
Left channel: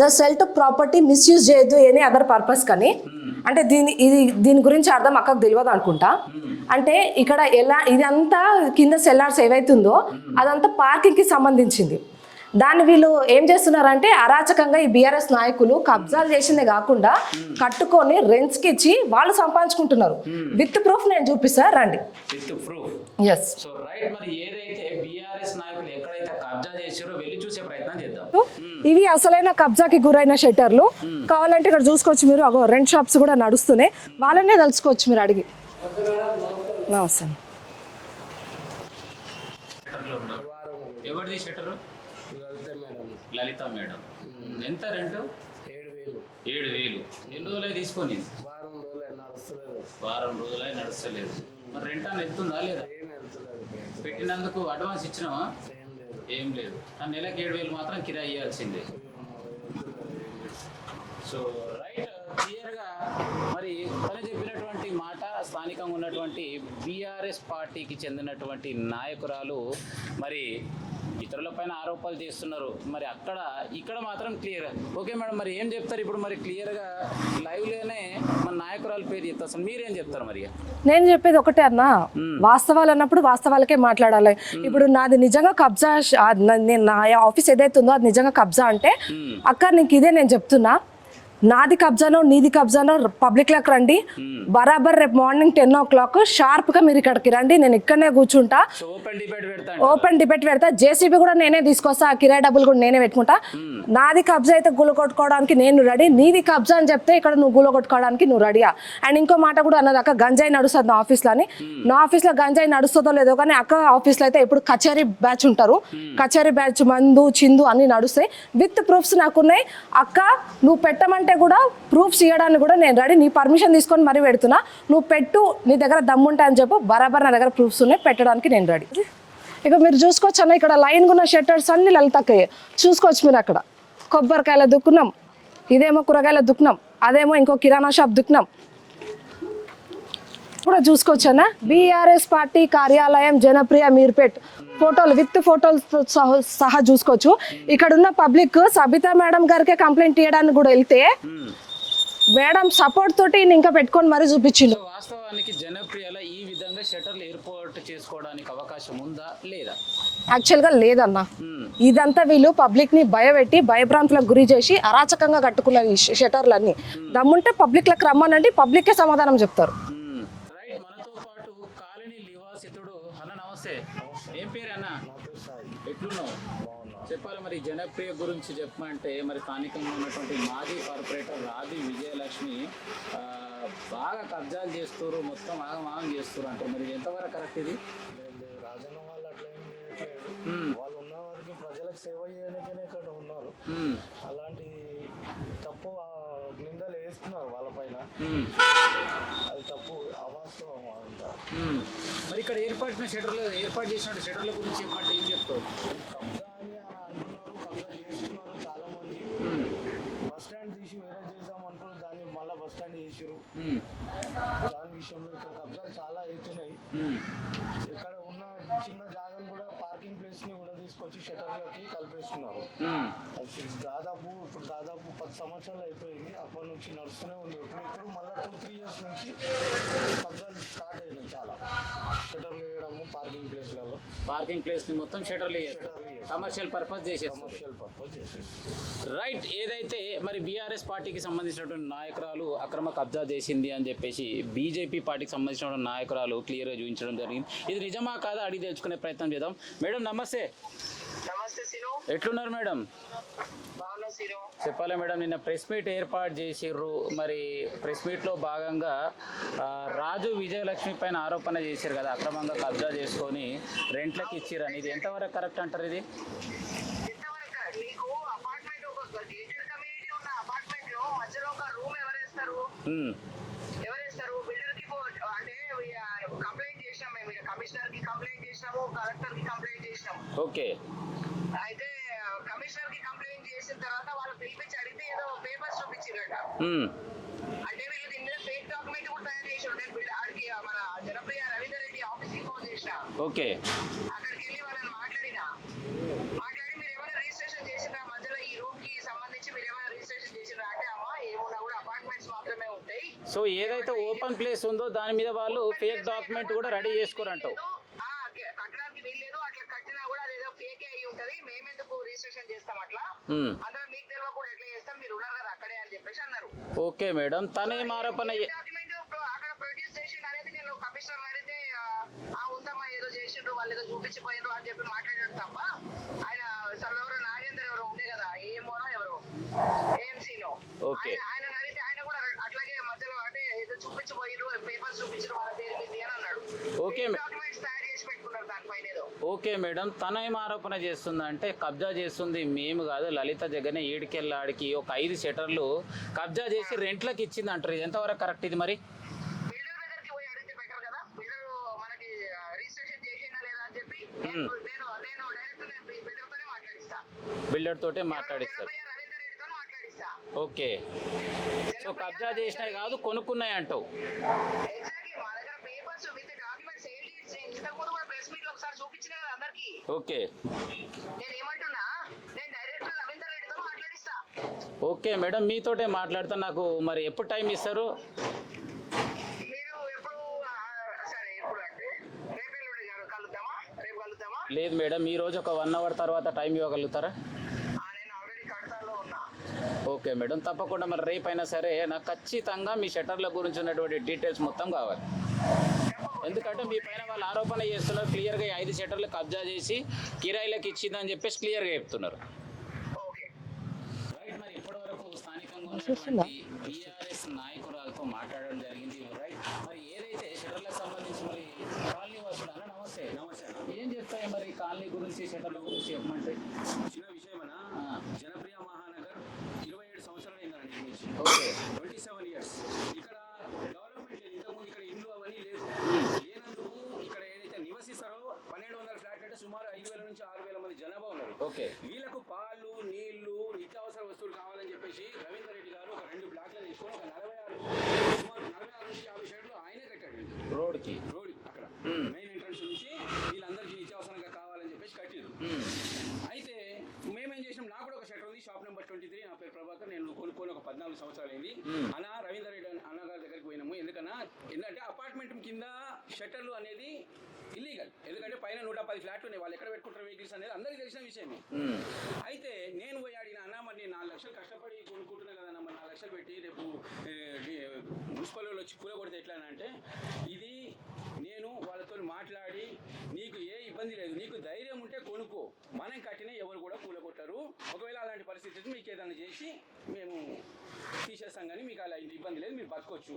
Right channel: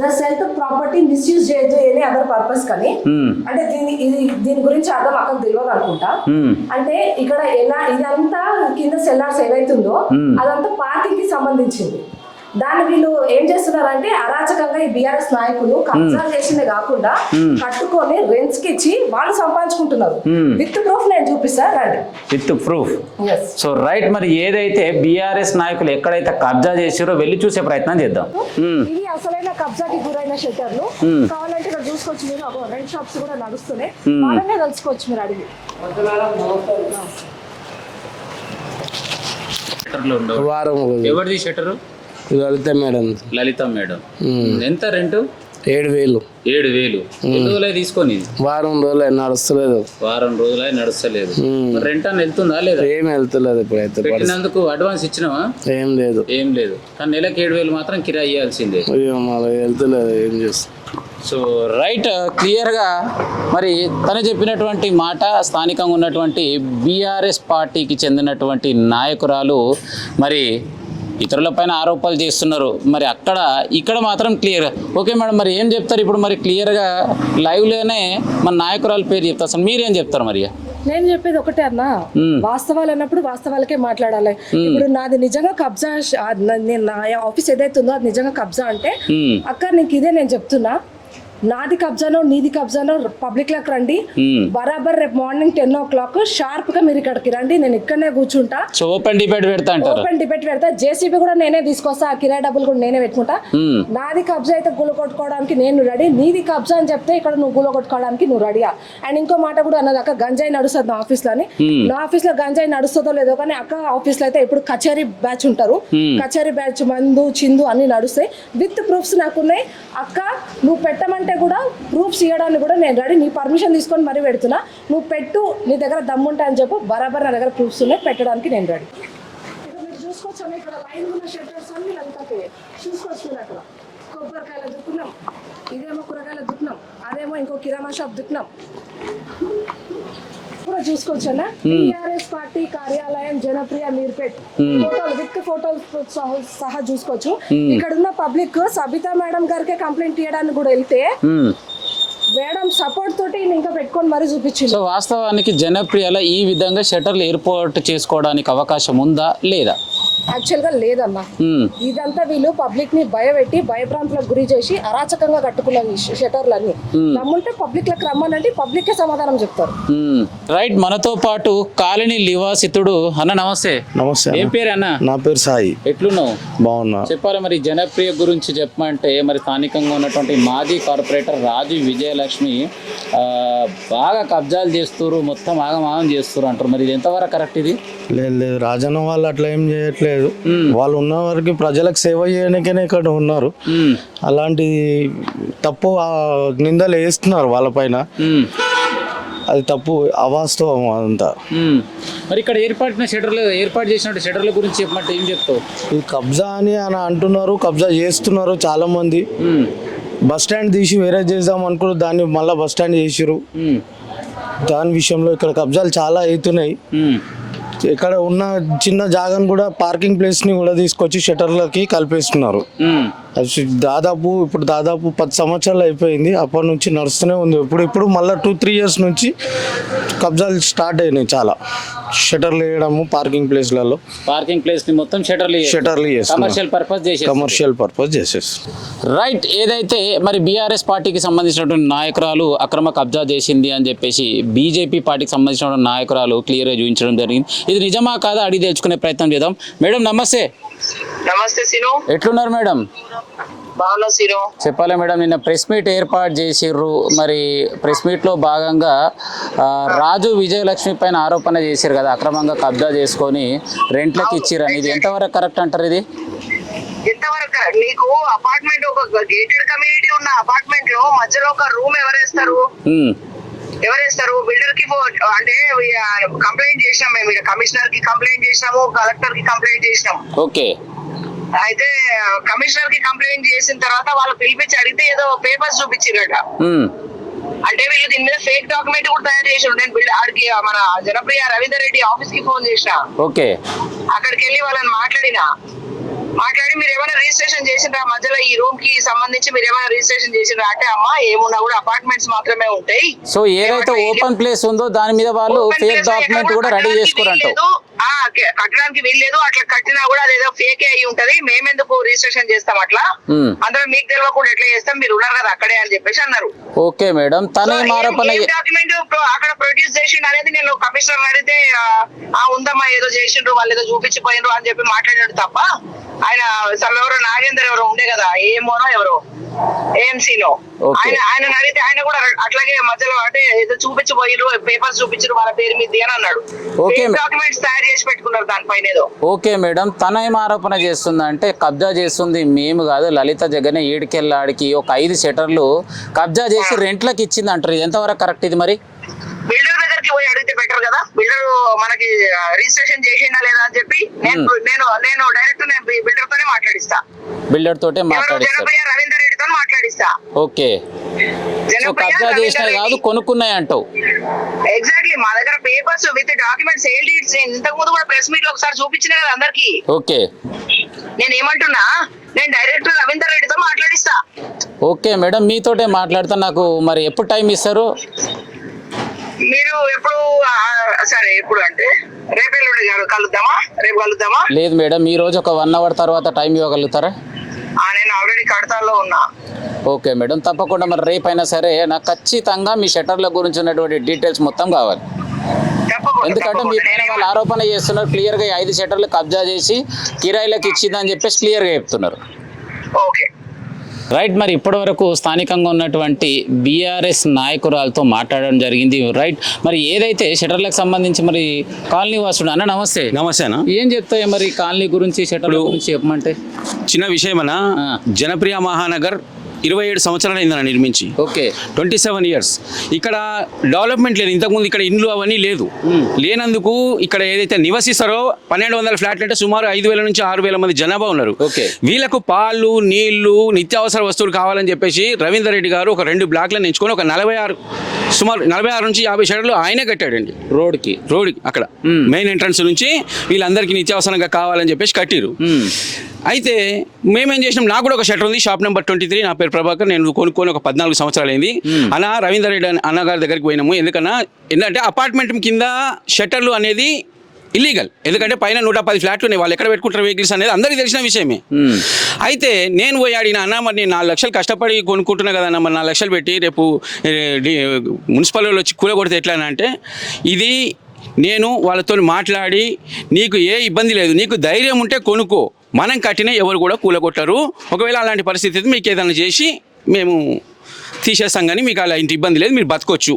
The cell to property misuse చేయదు ఎనీ అదర్ పర్పస్ కానీ. అంటే దీని గురించి అర్థం అక్కకు తెలియదు అనుకుంటా. అంటే ఇక్కడ ఎలా ఇదంతా కింద సెల్లార్స్ ఏవైతుందో అదంతా పార్కింగ్ కి సంబంధించింది. దాన్ని వీళ్ళు ఏం చేస్తున్నారంటే అరాచకంగా ఈ బీఆర్ఎస్ నాయకులు కబ్జా చేసిందే కాకుండా కట్టుకొని రెంట్స్ కి ఇచ్చి వాళ్ళు సంపాదించుకుంటున్నారు. విత్ ప్రూఫ్ నేను చూపిస్తాను, రండి. With proof. So right. మరి ఏదైతే బీఆర్ఎస్ నాయకులు ఎక్కడైతే కబ్జా చేసారో వెళ్ళి చూసే ప్రయత్నం చేద్దాం. ఇవి అసలైన కబ్జాకి గురైన షట్టర్లు. కావాలంటే ఇక్కడ చూసుకోవచ్చు మీరు, రెంట్ షాప్స్ కూడా నడుస్తున్నాయి. వాళ్ళనే తెలుసుకోవచ్చు మీరు అడిగి. ఎవరిది షట్టర్? లలిత మేడం. లలిత మేడం. ఎంత రెంట్? 7,000. 7,000 ఎన్ని రోజులే తీసుకొని? వారం రోజులు నడుస్తలేదు. వారం రోజులే నడుస్తలేదు. రెంట్ అని వెళ్తుందా లేదా? ఏం వెళ్తలేదు. ఇప్పుడైతే పెట్టినందుకు అడ్వాన్స్ ఇచ్చినావా? ఏం లేదు. కానీ నెలకు 7,000 మాత్రం కిరాయి ఇవ్వాల్సిందే. వెళ్తలేదు, ఏం చేస్తాం. సో రైట్, క్లియర్గా మరి తను చెప్పినటువంటి మాట స్థానికంగా ఉన్నటువంటి బీఆర్ఎస్ పార్టీకి చెందినటువంటి నాయకురాలు మరి ఇతరులపైన ఆరోపణలు చేస్తున్నారు. మరి ఇక్కడ మాత్రం క్లియర్. ఓకే మేడం, మరి ఏం చెప్తారు ఇప్పుడు? మరి క్లియర్గా లైవ్లోనే మన నాయకురాలు పేరు చెప్తారు. అసలు మీరేం చెప్తారు? మరి నేను చెప్పేది ఒకటే అన్న, వాస్తవాలు అన్నప్పుడు వాస్తవాలకే మాట్లాడాలి. ఇప్పుడు నాది నిజంగా కబ్జా, నా ఆఫీస్ ఏదైతే ఉందో అది నిజంగా కబ్జా అంటే అక్క నీకు ఇదే నేను చెప్తున్నా, నాది కబ్జానో నీది కబ్జానో పబ్లిక్ లకు రండి. బరాబర్ రేపు మార్నింగ్ 10 o'clock షార్ప్ గా మీరు ఇక్కడికి రండి. నేను ఇక్కడనే కూర్చుంటా. ఓపెన్ డిబేట్ పెడతా. జేసీబీ కూడా నేనే తీసుకొస్తా, కిరాయి డబ్బులు కూడా నేనే పెట్టుకుంటా. నాది కబ్జా అయితే గుల కొట్టుకోవడానికి నేను రెడీ. నీది కబ్జా అని చెప్తే ఇక్కడ నువ్వు గుల కొట్టుకోవడానికి నువ్వు రెడీయా? అండ్ ఇంకో మాట కూడా అన్నది, అక్క గంజాయి నడుస్తుంది నా ఆఫీస్ లో అని. నా ఆఫీస్ లో గంజాయి నడుస్తుందో లేదో కానీ అక్క ఆఫీస్ లో అయితే ఎప్పుడు కచేరీ బ్యాచ్ ఉంటారు. కచేరీ బ్యాచ్ మందు చిందు అన్ని నడుస్తాయి. విత్ ప్రూఫ్స్ నాకున్నాయి. అక్క నువ్వు పెట్టమంటే కూడా ప్రూఫ్స్ ఇవ్వడానికి కూడా నేను రెడీ. నీ పర్మిషన్ తీసుకొని మరీ పెడుతున్నా. నువ్వు పెట్టు, నీ దగ్గర దమ్ముంటాయని చెప్పు. బరాబర్ నా దగ్గర ప్రూఫ్స్ ఉన్నాయి, పెట్టడానికి నేను రెడీ. ఇక మీరు చూసుకోవచ్చు అన్న, ఇక్కడ లైన్ ఉన్న షట్టర్స్ అన్ని లలితక్కయ్యే. చూసుకోవచ్చు మీరు, అక్కడ కొబ్బరికాయల దుక్కున్నాం, ఇదేమో కూరగాయల దుక్కున్నాం, అదేమో ఇంకో కిరాణా షాప్ దుక్కున్నాం కూడా చూసుకోవచ్చు అన్న. బీఆర్ఎస్ పార్టీ కార్యాలయం జనప్రియ మీర్పేట్. ఫోటోలు విత్ ఫోటోలు సహా చూసుకోవచ్చు. ఇక్కడ ఉన్న పబ్లిక్ సబితా మేడం గారికి కంప్లైంట్ ఇవ్వడానికి కూడా వెళ్తే మేడం సపోర్ట్ తోటి ఈయన ఇంకా పెట్టుకొని మరీ చూపించిండు. సో వాస్తవానికి జనప్రియలో ఈ విధంగా షటర్లు ఏర్పాటు చేసుకోవడానికి అవకాశం ఉందా లేదా? యాక్చువల్ గా లేదన్న, ఇదంతా వీళ్ళు పబ్లిక్ ని భయపెట్టి భయభ్రాంతులకు గురి చేసి అరాచకంగా కట్టుకున్న షటర్లన్నీ. దమ్ముంటే పబ్లిక్ లకు రమ్మనండి, పబ్లిక్ కే సమాధానం చెప్తారు. రైట్, మనతో పాటు కాలనీ నివాసితుడు అన్న. నమస్తే. నమస్తే ఏం పేరు అన్న? నా పేరు సాయి. ఎట్లున్నావు? బాగున్నా. చెప్పాలి మరి జనప్రియ గురించి చెప్పమంటే మరి స్థానికంగా ఉన్నటువంటి మాజీ కార్పొరేటర్ రాజు విజయలక్ష్మి బాగా కబ్జాలు చేస్తారు, మొత్తం ఆగమాగం చేస్తారు అంటారు. మరి ఇది ఎంతవరకు కరెక్ట్ ఇది? లేదు లేదు, రాజన్న వాళ్ళు అట్లా ఏం చేయట్లేదు. వాళ్ళు ఉన్న వరకు ప్రజలకు సేవ చేయడానికనే ఇక్కడ ఉన్నారు. అలాంటి తప్పు నిందలు వేస్తున్నారు వాళ్ళపైన. అది తప్పు, అవాస్తవం అదంతా. మరి ఇక్కడ ఏర్పాటు చేసినట్టు షటర్ల గురించి చెప్పమంటే ఏం చెప్తావు? ఇది కబ్జా అని అంటున్నారు, కబ్జా చేస్తున్నారు చాలా మంది. బస్ స్టాండ్ తీసి వేరే చేద్దాం అనుకున్నారు, దాన్ని మళ్ళీ బస్ స్టాండ్ చేసిరు. దాని విషయంలో ఇక్కడ కబ్జాలు చాలా అవుతున్నాయి. ఇక్కడ ఉన్న చిన్న జాగాను కూడా, పార్కింగ్ ప్లేస్ ని కూడా తీసుకొచ్చి షటర్లకి కలిపేస్తున్నారు. అది దాదాపు 10 సంవత్సరాలు అయిపోయింది. అప్పటి నుంచి నడుస్తూనే ఉంది. ఇప్పుడు మళ్ళీ 2-3 ఇయర్స్ నుంచి కబ్జాలు స్టార్ట్ అయినాయి చాలా. షటర్లు వేయడము పార్కింగ్ ప్లేస్లలో, పార్కింగ్ ప్లేస్ ని మొత్తం షటర్లు కమర్షియల్ పర్పస్ చేసేసి. రైట్, ఏదైతే మరి బీఆర్ఎస్ పార్టీకి సంబంధించినటువంటి నాయకురాలు అక్రమ కబ్జా చేసింది అని చెప్పేసి బీజేపీ పార్టీకి సంబంధించిన నాయకురాలు క్లియర్గా చూపించడం జరిగింది. ఇది నిజమా కాదా అడిగి తెచ్చుకునే ప్రయత్నం చేద్దాం. మేడం నమస్తే. నమస్తే సీను. ఎట్లున్నారు మేడం? బాగున్నా సీను. చెప్పాలి మేడం, నిన్న ప్రెస్ మీట్ ఏర్పాటు చేసిర్రు. మరి ప్రెస్ మీట్లో భాగంగా రాజు విజయలక్ష్మి పైన ఆరోపణ చేశారు కదా, అక్రమంగా కబ్జా చేసుకొని రెంట్లకు ఇచ్చిరని. ఇది ఎంతవరకు కరెక్ట్ అంటారు? ఇది ఎంతవరకు? నీకు అపార్ట్మెంట్, ఒక గేటెడ్ కమ్యూనిటీ ఉన్న అపార్ట్మెంట్ లో మధ్యలో ఒక రూమ్ ఎవరేస్తారు? బిల్డర్ కి అంటే కంప్లైంట్ చేసినాం మేము. కమిషనర్ కి కంప్లైంట్ చేసినాము, కలెక్టర్ కి కంప్లైంట్ చేసినాం. ఓకే. అయితే కమిషనర్ కి కంప్లైంట్ చేసిన తర్వాత వాళ్ళు పిలిపించి అడిగితే ఏదో పేపర్స్ చూపించారట. అంటే వీళ్ళు దీని మీద ఫేక్ డాక్యుమెంట్ కూడా తయారు చేసారు. నేను ఆడికి మన జనప్రియ రవీందర్ రెడ్డి ఆఫీస్ కి ఫోన్ చేసిన. ఓకే. అక్కడికి వెళ్ళి వాళ్ళని మాట్లాడి మీరు ఏమైనా రిజిస్ట్రేషన్ చేసిండ్రా, మధ్యలో ఈ రూమ్ కి సంబంధించి మీరు ఏమైనా రిజిస్ట్రేషన్ చేసిండ్రా అంటే, అమ్మా ఏమున్నా కూడా అపార్ట్మెంట్స్ మాత్రమే ఉంటాయి. సో ఏదైతే ఓపెన్ ప్లేస్ ఉందో దాని మీద వాళ్ళు ఫేక్ డాక్యుమెంట్ కూడా రెడీ చేసుకోరంటారు. కట్టడానికి వీల్లేదు. అట్లా కట్టినా కూడా అదేదో ఫేక్ అయి ఉంటది. మేమెందుకు రిజిస్ట్రేషన్ చేస్తాం అట్లా? అందరూ మీకు తెలియకుండా ఎట్లా చేస్తాం, మీరు ఉన్నారు కదా అక్కడే అని చెప్పేసి అన్నారు. ఓకే మేడం, తన డాక్యుమెంట్ అక్కడ ప్రొడ్యూస్ చేసిండు అనేది నేను కమిషనర్ అడిగితే ఉందమ్మా ఏదో చేసిండ్రు, వాళ్ళు ఏదో చూపించిపోయినరు అని చెప్పి మాట్లాడాడు తప్ప, ఆయన ఎవరో నాగేందర్ ఎవరో ఉండే కదా, ఏమోనో ఎవరో ఏఎంసీలో, ఆయన అడిగితే ఆయన కూడా అట్లాగే మధ్యలో అంటే ఏదో చూపించిపోయిరు, పేపర్స్ చూపించారు వాళ్ళ పేరు మీద అని అన్నాడు. డాక్యుమెంట్స్ తయారు చేసి పెట్టుకున్నారు దానిపైన ఏదో. ఓకే మేడం, తన ఏం ఆరోపణ చేస్తుందంటే కబ్జా చేస్తుంది మేము కాదు, లలిత జగనే ఏడుకెళ్ళాడికి ఒక 5 షటర్లు కబ్జా చేసి రెంట్లకు ఇచ్చింది అంటారు. ఇది ఎంతవరకు కరెక్ట్? ఇది మరి బిల్డర్ దగ్గరికి పోయి అడిగితే బెటర్ కదా. బిల్డర్ మనకి రిజిస్ట్రేషన్ చేసిందా లేదా అని చెప్పి నేను డైరెక్ట్ బిల్డర్ తోనే మాట్లాడిస్తా. బిల్డర్ తోటే మాట్లాడిస్తా. రవీందర్ రెడ్డితో మాట్లాడిస్తా. ఓకే. కబ్జా చేసినవి కాదు, కొనుక్కున్నాయి అంటావు. ఎగ్జాక్ట్లీ, మా దగ్గర papers with documents, sale deeds ఇంతకు ముందు కూడా ప్రెస్ మీట్ లో ఒకసారి చూపించిన కదా అందరికి. ఓకే. నేను ఏమంటున్నా, నేను డైరెక్ట్ రవీందర్ రెడ్డితో మాట్లాడిస్తా. ఓకే మేడం, మీతోటే మాట్లాడతా. నాకు మరి ఎప్పుడు టైం ఇస్తారు? మీరు ఎప్పుడు? సరే, ఎప్పుడు అంటే రేపు ఎల్లుండి కలుద్దామా? రేపు కలుద్దామా? లేదు మేడం, ఈ రోజు ఒక 1 అవర్ తర్వాత టైం ఇవ్వగలుగుతారా? నేను ఆల్రెడీ కడతాలో ఉన్నా. ఓకే మేడం, తప్పకుండా. మరి రేపైనా సరే నాకు ఖచ్చితంగా మీ షటర్ల గురించి ఉన్నటువంటి డీటెయిల్స్ మొత్తం కావాలి. ఎందుకంటే మీ పైన వాళ్ళు ఆరోపణ చేస్తున్నారు క్లియర్గా, 5 షటర్లు కబ్జా చేసి కిరాయిలకు ఇచ్చిందని చెప్పేసి క్లియర్గా చెప్తున్నారు. ఓకే. రైట్, మరి ఇప్పటి వరకు స్థానికంగా ఉన్నటువంటి బీఆర్ఎస్ నాయకురాలతో మాట్లాడడం జరిగింది. రైట్, మరి ఏదైతే షటర్లకు సంబంధించి మరి కాలనీ వాసుడు అన్న నమస్తే. నమస్తే అన్న. ఏం చెప్తాయి మరి కాలనీ గురించి, షటర్ల గురించి చెప్పమంటే? చిన్న విషయం అన్న, జనప్రియ మహానగర్ 27 సంవత్సరాలు అయిందన్న నిర్మించి. ఓకే. 27 ఇయర్స్. ఇక్కడ డెవలప్మెంట్ లేదు. ఇంతకుముందు ఇక్కడ ఇండ్లు అవన్నీ లేదు. లేనందుకు ఇక్కడ ఏదైతే నివసిస్తారో 1200 ఫ్లాట్లు అంటే సుమారు 5000 నుంచి 6000 మంది జనాభా ఉన్నారు. ఓకే. వీళ్ళకు పాలు, నీళ్లు, నిత్యావసర వస్తువులు కావాలని చెప్పేసి రవీందర్ రెడ్డి గారు ఒక 2 బ్లాక్లను ఎంచుకొని ఒక 46 సుమారు 46 నుంచి 50 షటర్లు ఆయనే కట్టాడండి రోడ్కి. రోడ్ అక్కడ మెయిన్ ఎంట్రన్స్ నుంచి వీళ్ళందరికీ నిత్యావసరంగా కావాలని చెప్పేసి కట్టిరు. అయితే మేమేం చేసినాం, నాకు కూడా ఒక షటర్ ఉంది, షాప్ నెంబర్ 23, నా పేరు ప్రభాకర్, నేను కొనుక్కొని ఒక 14 సంవత్సరాలు అయింది. అన్న రవీందర్ రెడ్డి అన్నగారి దగ్గరికి పోయినాము. ఎందుకంటే అపార్ట్మెంట్ కింద షట్టర్లు అనేది ఇల్లీగల్. ఎందుకంటే పైన 110 ఫ్లాట్లు ఉన్నాయి, వాళ్ళు ఎక్కడ పెట్టుకుంటారు వెహికల్స్ అనేది అందరికీ తెలిసిన విషయమే. అయితే నేను పోయి అడిగిన, అన్న మరి నేను 4 లక్షలు కష్టపడి కొనుక్కుంటున్నా కదా అన్న, మరి 4 లక్షలు పెట్టి రేపు మున్సిపల్ వాళ్ళు వచ్చి కూలగొడితే ఎట్లా అంటే, ఇది నేను వాళ్ళతో మాట్లాడి నీకు ఏ ఇబ్బంది లేదు, నీకు ధైర్యం ఉంటే కొనుక్కో, మనం కట్టినా ఎవరు కూడా కూలగొట్టరు. ఒకవేళ అలాంటి పరిస్థితి మీకు ఏదైనా చేసి మేము తీసేస్తాం, కానీ మీకు అలా ఇంటి ఇబ్బంది లేదు, మీరు బతకొచ్చు,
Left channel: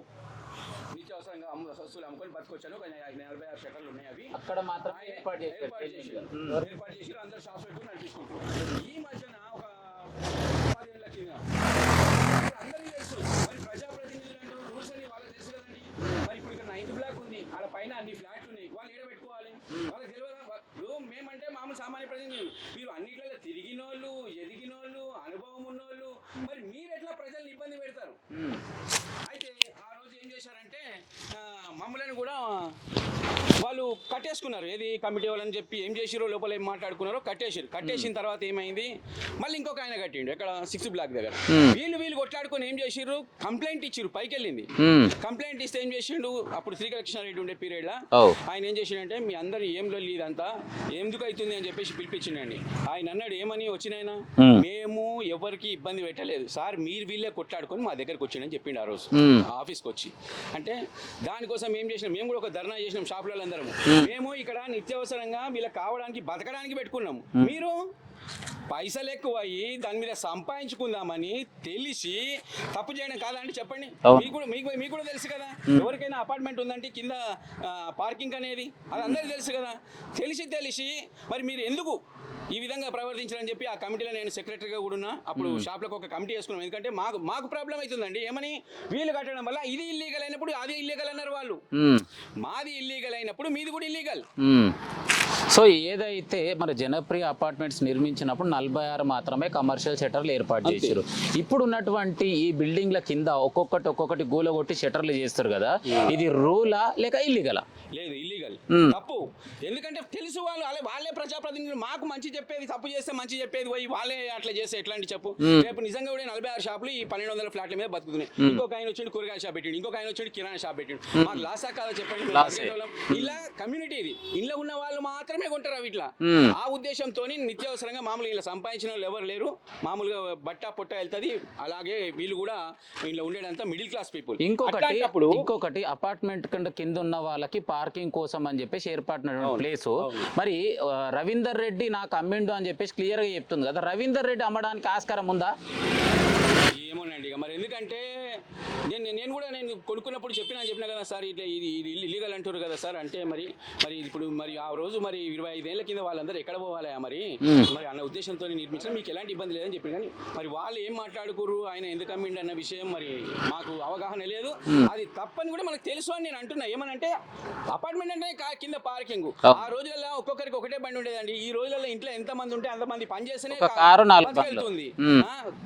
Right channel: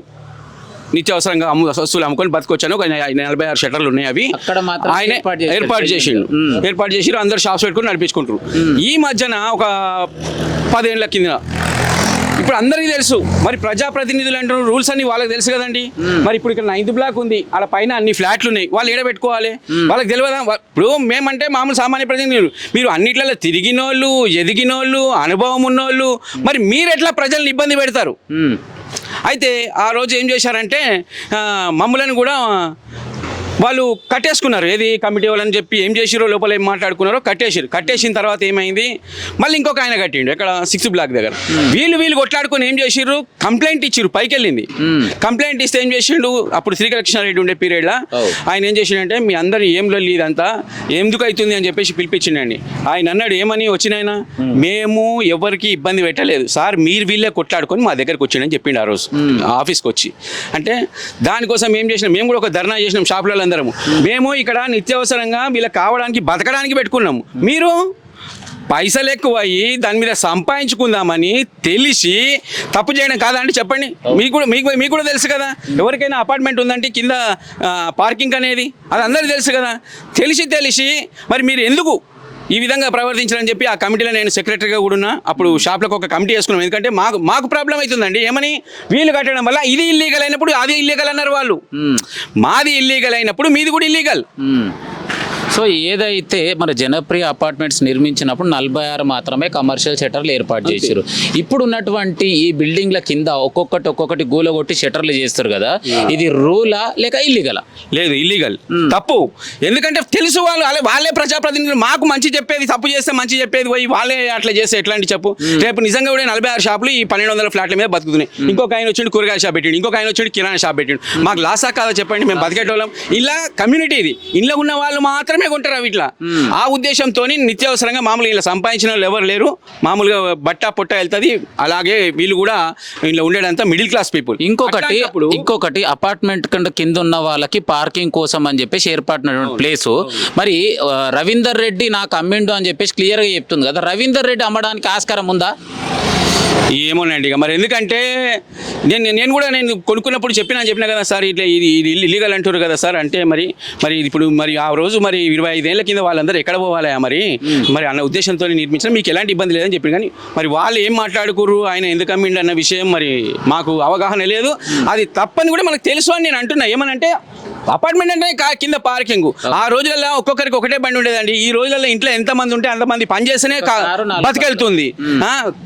నిత్యావసరంగా వస్తువులు అమ్ముకొని బతకొచ్చాను. ఒక 46 షటర్లు ఉన్నాయి, అవి ఆయన ఏర్పాటు చేసిరు. అందరు షాప్స్ పెట్టుకుని నడిపించుకుంటారు. ఈ మధ్యన ఒక 10 ఏళ్ళ కింద ఇప్పుడు అందరికీ తెలుసు, మరి ప్రజాప్రతినిధులు అంటారు, రూల్స్ అన్ని వాళ్ళకి తెలుసు కదండి. మరి ఇప్పుడు ఇక్కడ 9th బ్లాక్ ఉంది, అలా పైన అన్ని ఫ్లాట్లు ఉన్నాయి, వాళ్ళు ఏడ పెట్టుకోవాలి, వాళ్ళకి తెలియదా? ఇప్పుడు మేమంటే మామూలు సామాన్య ప్రతినిధులు, మీరు అన్నిట్లలో తిరిగినోళ్ళు, ఎదిగినోళ్ళు, అనుభవం ఉన్నోళ్ళు, మరి మీరు ఎట్లా ప్రజల్ని ఇబ్బంది పెడతారు? అయితే ఆ రోజు ఏం చేశారంటే మమ్మల్ని కూడా వాళ్ళు కట్టేసుకున్నారు. ఏది కమిటీ వాళ్ళని చెప్పి ఏం చేసిరో, లోపల ఏం మాట్లాడుకున్నారో కట్టేసిన తర్వాత ఏమైంది, మళ్ళీ ఇంకొక ఆయన కట్టిండు ఇక్కడ 6th బ్లాక్ దగ్గర. వీళ్ళు కొట్లాడుకొని ఏం చేసిర్రు, కంప్లైంట్ ఇచ్చిర్రు, పైకి వెళ్ళింది. కంప్లైంట్ ఇస్తే ఏం చేసిండు, అప్పుడు శ్రీకృష్ణారెడ్డి ఉండే పీరియడ్లో ఆయన ఏం చేసిండంటే, మీ అందరు ఏం లొల్లి ఇదంతా ఎందుకు అవుతుంది అని చెప్పేసి పిలిపించిండండి. ఆయన అన్నాడు, ఏమని వచ్చినాయన, మేము ఎవరికి ఇబ్బంది పెట్టలేదు సార్, మీరు వీళ్ళే కొట్లాడుకొని మా దగ్గరకు వచ్చిండని చెప్పిండు ఆ రోజు ఆఫీస్కి వచ్చి. అంటే దానికోసం ఏం చేసినాం, మేము కూడా ఒక ధర్నా చేసినాం షాపులలో అందరము. మేము ఇక్కడ నిత్యావసరంగా వీళ్ళకి కావడానికి బతకడానికి పెట్టుకున్నాము, మీరు పైసలు ఎక్కువ అయ్యి దాని మీద సంపాదించుకుందామని తెలిసి తప్పు చేయడం కాదండి చెప్పండి. మీకు కూడా తెలుసు కదా, ఎవరికైనా అపార్ట్మెంట్ ఉందంటే కింద పార్కింగ్ అనేది అది అందరికీ తెలుసు కదా. తెలిసి మరి మీరు ఎందుకు ఈ విధంగా ప్రవర్తించాలని చెప్పి ఆ కమిటీలో నేను సెక్రటరీగా కూడా ఉన్నా. అప్పుడు షాప్లకు ఒక కమిటీ వేసుకున్నాం, ఎందుకంటే మాకు ప్రాబ్లం అవుతుందండి. ఏమని, వీళ్ళు కట్టడం వల్ల ఇది ఇల్లీగల్ అయినప్పుడు అది ఇల్లీగల్ అన్నారు వాళ్ళు, మాది ఇల్లీగల్ అయినప్పుడు మీది కూడా ఇల్లీగల్. సో ఏదైతే మన జనప్రియ అపార్ట్మెంట్స్ నిర్మించినప్పుడు 46 మాత్రమే కమర్షియల్ షటర్లు ఏర్పాటు చేశారు. ఇప్పుడు ఉన్నటువంటి ఈ బిల్డింగ్ల కింద ఒక్కొక్కటి గూలగొట్టి షటర్లు చేస్తారు కదా, ఇది రూలా లేక ఇల్లీగలా? లేదు, ఇల్లీగల్, తప్పు. ఎందుకంటే తెలుసు వాళ్ళే ప్రజాప్రతినిధులు, మాకు మంచి చెప్పేది, తప్పు చేస్తే మంచి చెప్పేది పోయి వాళ్ళే అట్లా చేస్తే ఎట్లాంటి చెప్పు. రేపు నిజంగా కూడా 46 షాపులు ఈ 1200 ఫ్లాట్ల మీద బతుకుతున్నాయి. ఇంకొక ఆయన వచ్చి కూరగాయల షాప్ పెట్టిండు, ఇంకొక ఆయన వచ్చి కిరాణా షాప్ పెట్టిండు. మాకు లాసా కాదా చెప్పండి? మేము బతికేటోళ్ళం. ఇలా కమ్యూనిటీ ఇది, ఇంట్లో ఉన్న వాళ్ళు మాత్రమే కొంటారు అవి ఇట్లా. ఆ ఉద్దేశంతో నిత్యావసరంగా మామూలుగా ఇలా సంపాదించిన వాళ్ళు ఎవరు లేరు, మామూలుగా బట్ట పొట్ట వెళ్తుంది. అలాగే వీళ్ళు కూడా ఇలా ఉండేదంతా మిడిల్ క్లాస్ పీపుల్. ఇంకొకటి అపార్ట్మెంట్ కింద ఉన్న వాళ్ళకి పార్కింగ్ కోసం అని చెప్పేసి ఏర్పడినటువంటి ప్లేసు. మరి రవీందర్ రెడ్డి నాకు అమ్మిండు అని చెప్పేసి క్లియర్గా చెప్తుంది కదా, రవీందర్ రెడ్డి అమ్మడానికి ఆస్కారం ఉందా? ఏమోనండి ఇక మరి, ఎందుకంటే నేను కూడా కొనుక్కున్నప్పుడు చెప్పినా కదా సార్, ఇట్లా ఇది ఇల్లీగల్ అంటారు కదా సార్. అంటే మరి ఇప్పుడు ఆ రోజు 25 ఏళ్ల కింద వాళ్ళందరూ ఎక్కడ పోవాలి మరి అన్న ఉద్దేశంతో నిర్మించిన, మీకు ఎలాంటి ఇబ్బంది లేదని చెప్పి. కానీ మరి వాళ్ళు ఏం మాట్లాడుకుర్రు, ఆయన ఎందుకు అమ్మిండు అన్న విషయం మరి మాకు అవగాహన లేదు. అది తప్పని కూడా మనకు తెలుసు అని నేను అంటున్నా. ఏమనంటే అపార్ట్మెంట్ అంటే కింద పార్కింగ్, ఆ రోజులలో ఒక్కొక్కరికి ఒకటే బండి ఉండేదండి. ఈ రోజులలో ఇంట్లో ఎంతమంది ఉంటే అంతమంది పని చేస్తేనే బతికెళ్తుంది.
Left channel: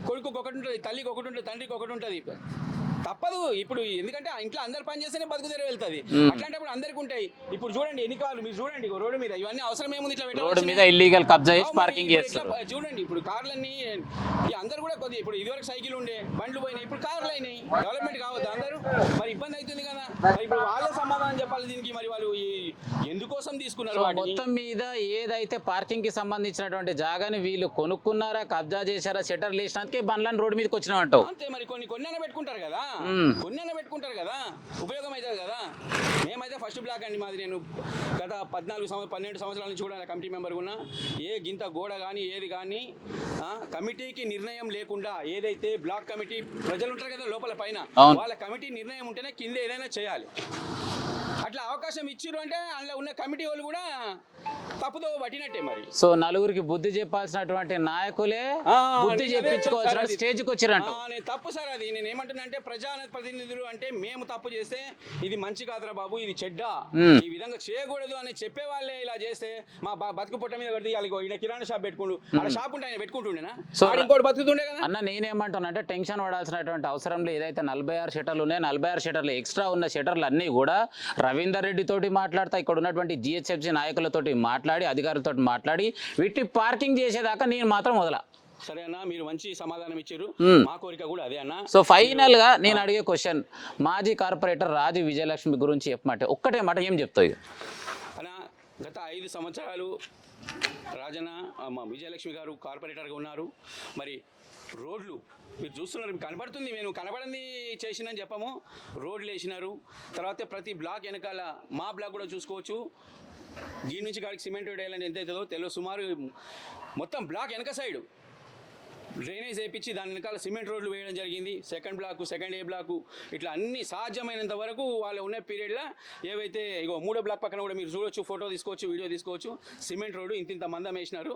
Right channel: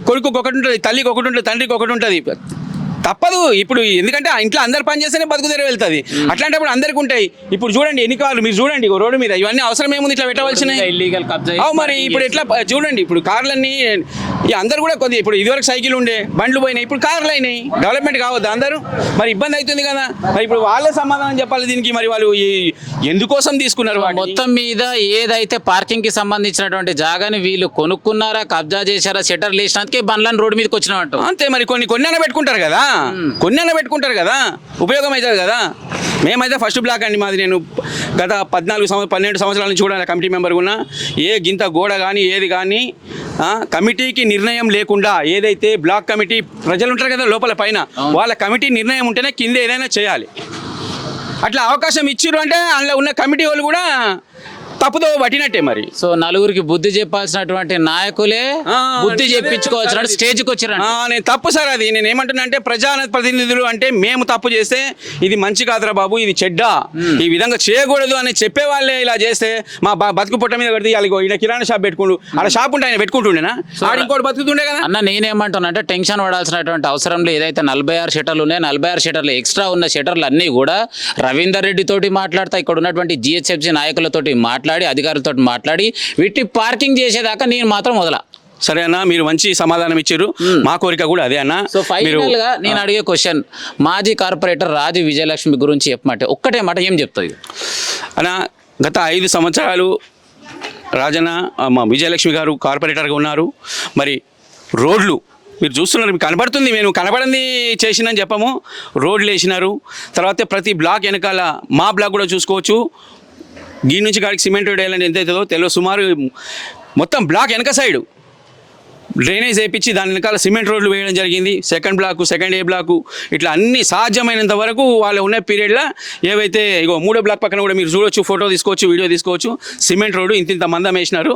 కొడుకు ఒకటి ఉంటుంది, తల్లికి ఒకటి ఉంటుంది, తండ్రికి ఒకటి ఉంటుంది, తప్పదు. ఇప్పుడు ఎందుకంటే ఆ ఇంట్లో అందరు పని చేస్తేనే బతుకు తెర వెళ్తుంది. అట్లాంటప్పుడు అందరికి ఉంటాయి. ఇప్పుడు చూడండి ఎన్ని కార్లు, మీరు చూడండి రోడ్డు మీద, ఇవన్నీ అవసరం ఏముంది ఇట్లా పెట్టవలసినవి? మరి ఇప్పుడు ఎట్లా చూడండి, ఇప్పుడు కార్లన్నీ అందరు కూడా కొద్దిగా, ఇప్పుడు ఇదివరకు సైకిల్ ఉండే, బండ్లు పోయినాయి, ఇప్పుడు కార్లు అయినాయి. డెవలప్మెంట్ కావద్దు అందరూ? మరి ఇబ్బంది అవుతుంది కదా. మరి ఇప్పుడు వాళ్ళే సమాధానం చెప్పాలి దీనికి. మరి వాళ్ళు ఎందుకోసం తీసుకున్నారు? మొత్తం మీద ఏదైతే పార్కింగ్ కి సంబంధించినటువంటి జాగాని వీళ్ళు కొనుక్కున్నారా, కబ్జా చేశారా, షటర్ లేసినందుకే బండ్లను రోడ్డు మీదకి వచ్చిన అంతే. మరి కొన్ని పెట్టుకుంటారు కదా, ఉపయోగం అవుతుంది కదా. మేమైతే ఫస్ట్ బ్లాక్ అండి మాది. నేను గత 12 సంవత్సరాల నుంచి కూడా కమిటీ మెంబర్ ఉన్నా. ఏ గింత గోడ కానీ ఏది కానీ కమిటీకి నిర్ణయం లేకుండా, ఏదైతే బ్లాక్ కమిటీ ప్రజలు ఉంటారు కదా లోపల పైన, వాళ్ళ కమిటీ నిర్ణయం ఉంటేనే కింద ఏదైనా చేయాలి. అట్లా అవకాశం ఇచ్చిర్రు అంటే అందులో ఉన్న కమిటీ వాళ్ళు కూడా తప్పుదో పట్టినట్టే మరి. సో నలుగురికి బుద్ధి చెప్పాల్సినటువంటి నాయకులే బుద్ధి చెప్పించుకోవచ్చు స్టేజ్కి వచ్చారు. నేను తప్పు సార్ అది. నేను ఏమంటున్నా అంటే ప్రజాప్రతినిధులు అంటే మేము తప్పు చేస్తే ఇది మంచి కాదురా బాబు, ఇది చెడ్డ, ఈ విధంగా చేయకూడదు అని చెప్పే వాళ్ళే ఇలా చేస్తే మా బతుకు పొట్ట మీద కడితే ఈయన కిరాణా షాప్ పెట్టుకుంటూ ఆడ షాప్ ఉంటే ఆయన పెట్టుకుంటుండేనా, ఆడ ఇంకోటి బతుకుతుండే కదా అన్న. నేనేమంటున్నా అంటే టెన్షన్ పడాల్సినటువంటి అవసరం లేదు. ఏదైతే 46 షటర్లు ఉన్నాయి, 46 షటర్లు ఎక్స్ట్రా ఉన్న షటర్లు అన్నీ కూడా రవీందర్ రెడ్డి తోటి మాట్లాడతా, ఇక్కడ ఉన్నటువంటి జిహెచ్ఎంసీ నాయకులతోటి మాట్లాడి, అధికారులతో మాట్లాడి వీటి పార్కింగ్ చేసేదాకా నేను మాత్రం వదల. సరే అన్న, మీరు మంచి సమాధానం ఇచ్చారు. మా కోరిక కూడా అదే అన్న. సో ఫైనల్ గా నేను అడిగే క్వశ్చన్, మాజీ కార్పొరేటర్ రాజు విజయలక్ష్మి గురించి చెప్పమంటే ఒక్కటే మాట ఏం చెప్తుంది అన్న? గత 5 సంవత్సరాలు రాజన్న మా విజయలక్ష్మి గారు కార్పొరేటర్గా ఉన్నారు. మరి రోడ్లు మీరు చూస్తున్నారు, మీకు కనబడుతుంది, మేము కనబడింది చేసిందని చెప్పము. రోడ్లు వేసినారు. తర్వాత ప్రతి బ్లాక్ వెనకాల మా బ్లాక్ కూడా చూసుకోవచ్చు, దీని నుంచి కాడికి సిమెంట్ వేయాలని ఎంత అవుతుందో తెలియదు. సుమారు మొత్తం బ్లాక్ వెనక సైడు డ్రైనేజ్ వేయించి దాని వెనకాల సిమెంట్ రోడ్లు వేయడం జరిగింది. Second block, second A block, ఇట్లా అన్ని సాధ్యమైనంత వరకు వాళ్ళు ఉన్న పీరియడ్లో ఏవైతే ఇగో 3వ బ్లాక్ పక్కన కూడా మీరు చూడవచ్చు, ఫోటో తీసుకోవచ్చు, వీడియో తీసుకోవచ్చు. సిమెంట్ రోడ్డు ఇంత మందం వేసినారు.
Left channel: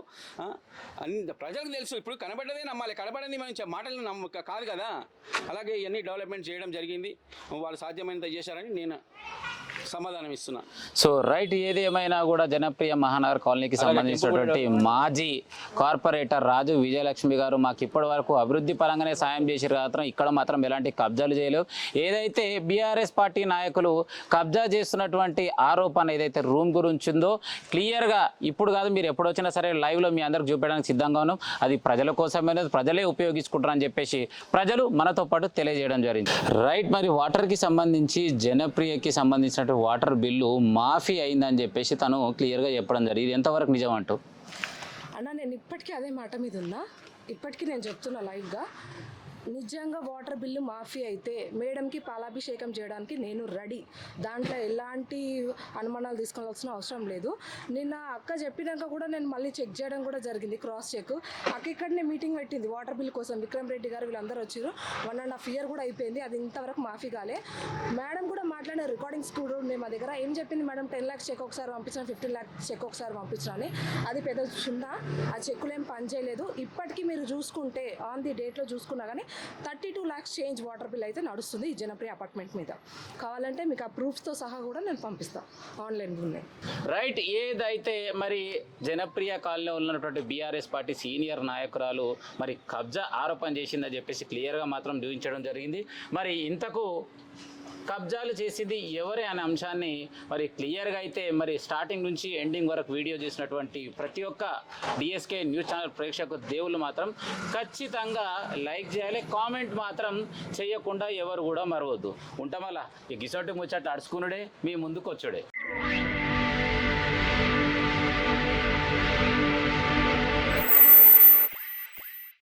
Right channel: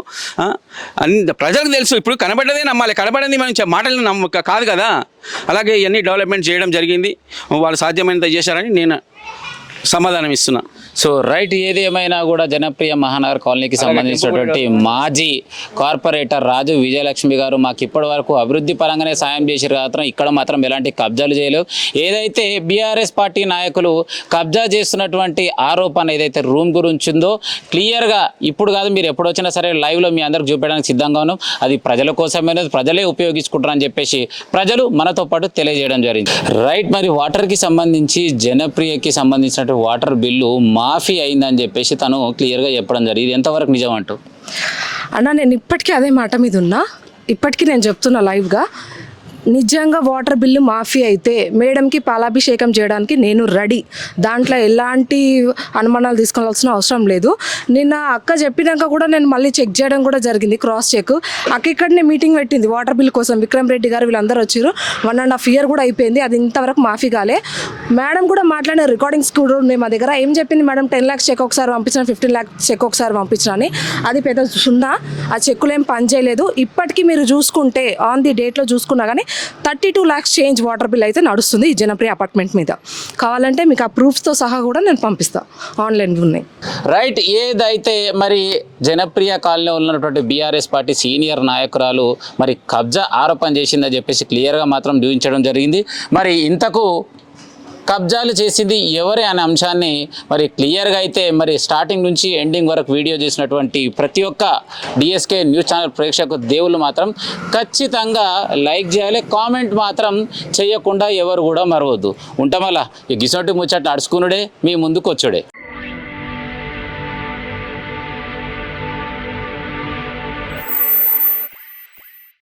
ప్రజలకు తెలుసు, ఇప్పుడు కనబడ్డదే నమ్మాలి, కనబడింది మనం మాటలు కాదు కదా. అలాగే ఇవన్నీ డెవలప్మెంట్ చేయడం జరిగింది, వాళ్ళు సాధ్యమైనంత చేశారని నేను సమాధానం ఇస్తున్నా. సో రైట్, ఏది ఏమైనా కూడా జనప్రియ మహానగర్ కాలనీకి సంబంధించినటువంటి మాజీ కార్పొరేటర్ రాజు విజయలక్ష్మి గారు మాకు ఇప్పటి వరకు అభివృద్ధి పరంగానే సాయం చేశారు మాత్రం ఇక్కడ మాత్రం ఎలాంటి కబ్జాలు చేయలేవు. ఏదైతే బీఆర్ఎస్ పార్టీ నాయకులు కబ్జా చేస్తున్నటువంటి ఆరోపణ ఏదైతే రూమ్ గురించి ఉందో క్లియర్గా ఇప్పుడు కాదు, మీరు ఎప్పుడు వచ్చినా సరే లైవ్లో మీ అందరికి చూపించడానికి సిద్ధంగా ఉన్నాం. అది ప్రజల కోసమే, ప్రజలే ఉపయోగించుకుంటారని చెప్పేసి ప్రజలు మనతో పాటు తెలియజేయడం జరిగింది. రైట్, మరి వాటర్కి సంబంధించి జనప్రియకి సంబంధించిన వాటర్ బిల్లు మాఫీ అయిందని చెప్పేసి తను క్లియర్గా చెప్పడం జరిగింది. ఎంతవరకు నిజం అంటూ అన్న? నేను ఇప్పటికీ అదే మాట మీద ఉన్నా, ఇప్పటికీ నేను చెప్తున్నా లైవ్గా, నిజంగా వాటర్ బిల్లు మాఫీ అయితే మేడంకి పాలాభిషేకం చేయడానికి నేను రెడీ. దాంట్లో ఎలాంటి అనుమానాలు తీసుకోవాల్సిన అవసరం లేదు. నిన్న అక్క చెప్పినాక కూడా నేను మళ్ళీ చెక్ చేయడం కూడా జరిగింది, క్రాస్ చెక్. అక్క ఇక్కడనే మీటింగ్ పెట్టింది వాటర్ బిల్ కోసం, విక్రమ్ రెడ్డి గారు వీళ్ళందరూ వచ్చారు. 1.5 year కూడా అయిపోయింది, అది ఇంతవరకు మాఫీ కాలే. మేడం కూడా మాట్లాడిన రికార్డింగ్స్ కూడా ఉన్నాయి మా దగ్గర. ఏం చెప్పింది మేడం, 10 lakhs చెక్ ఒకసారి పంపించిన, 15 lakhs చెక్ ఒకసారి పంపించిన అని. అది పెద్ద సున్నా, ఆ చెక్కులు ఏం పని చేయలేదు. ఇప్పటికీ మీరు చూసుకుంటే ఆన్ ది డేట్లో చూసుకున్నా కానీ 32 lakhs చేంజ్ వాటర్ బిల్ అయితే నడుస్తుంది ఈ జనప్రియ అపార్ట్మెంట్ మీద. కావాలంటే మీకు ఆ ప్రూఫ్స్తో సహా కూడా నేను పంపిస్తాను, ఆన్లైన్ ఉన్నాయి. రైట్, ఏదైతే మరి జనప్రియ కాలనీలో ఉన్నటువంటి బీఆర్ఎస్ పార్టీ సీనియర్ నాయకురాలు మరి కబ్జా ఆరోపణ చేసిందని చెప్పేసి క్లియర్గా మాత్రం చూపించడం జరిగింది. మరి ఇంతకు కబ్జాలు చేసింది ఎవరే అనే అంశాన్ని మరి క్లియర్గా అయితే మరి స్టార్టింగ్ నుంచి ఎండింగ్ వరకు వీడియో చేసినటువంటి ప్రతి ఒక్క డిఎస్కే న్యూస్ ఛానల్ ప్రేక్షకు దేవుళ్ళు మాత్రం ఖచ్చితంగా లైక్ చేయాలి, కామెంట్ మాత్రం చేయకుండా ఎవరు కూడా మరవద్దు. ఉంటామలా ఈ గిసోటి ముచ్చట అడుచుకునుడే మీ ముందుకు వచ్చుడే.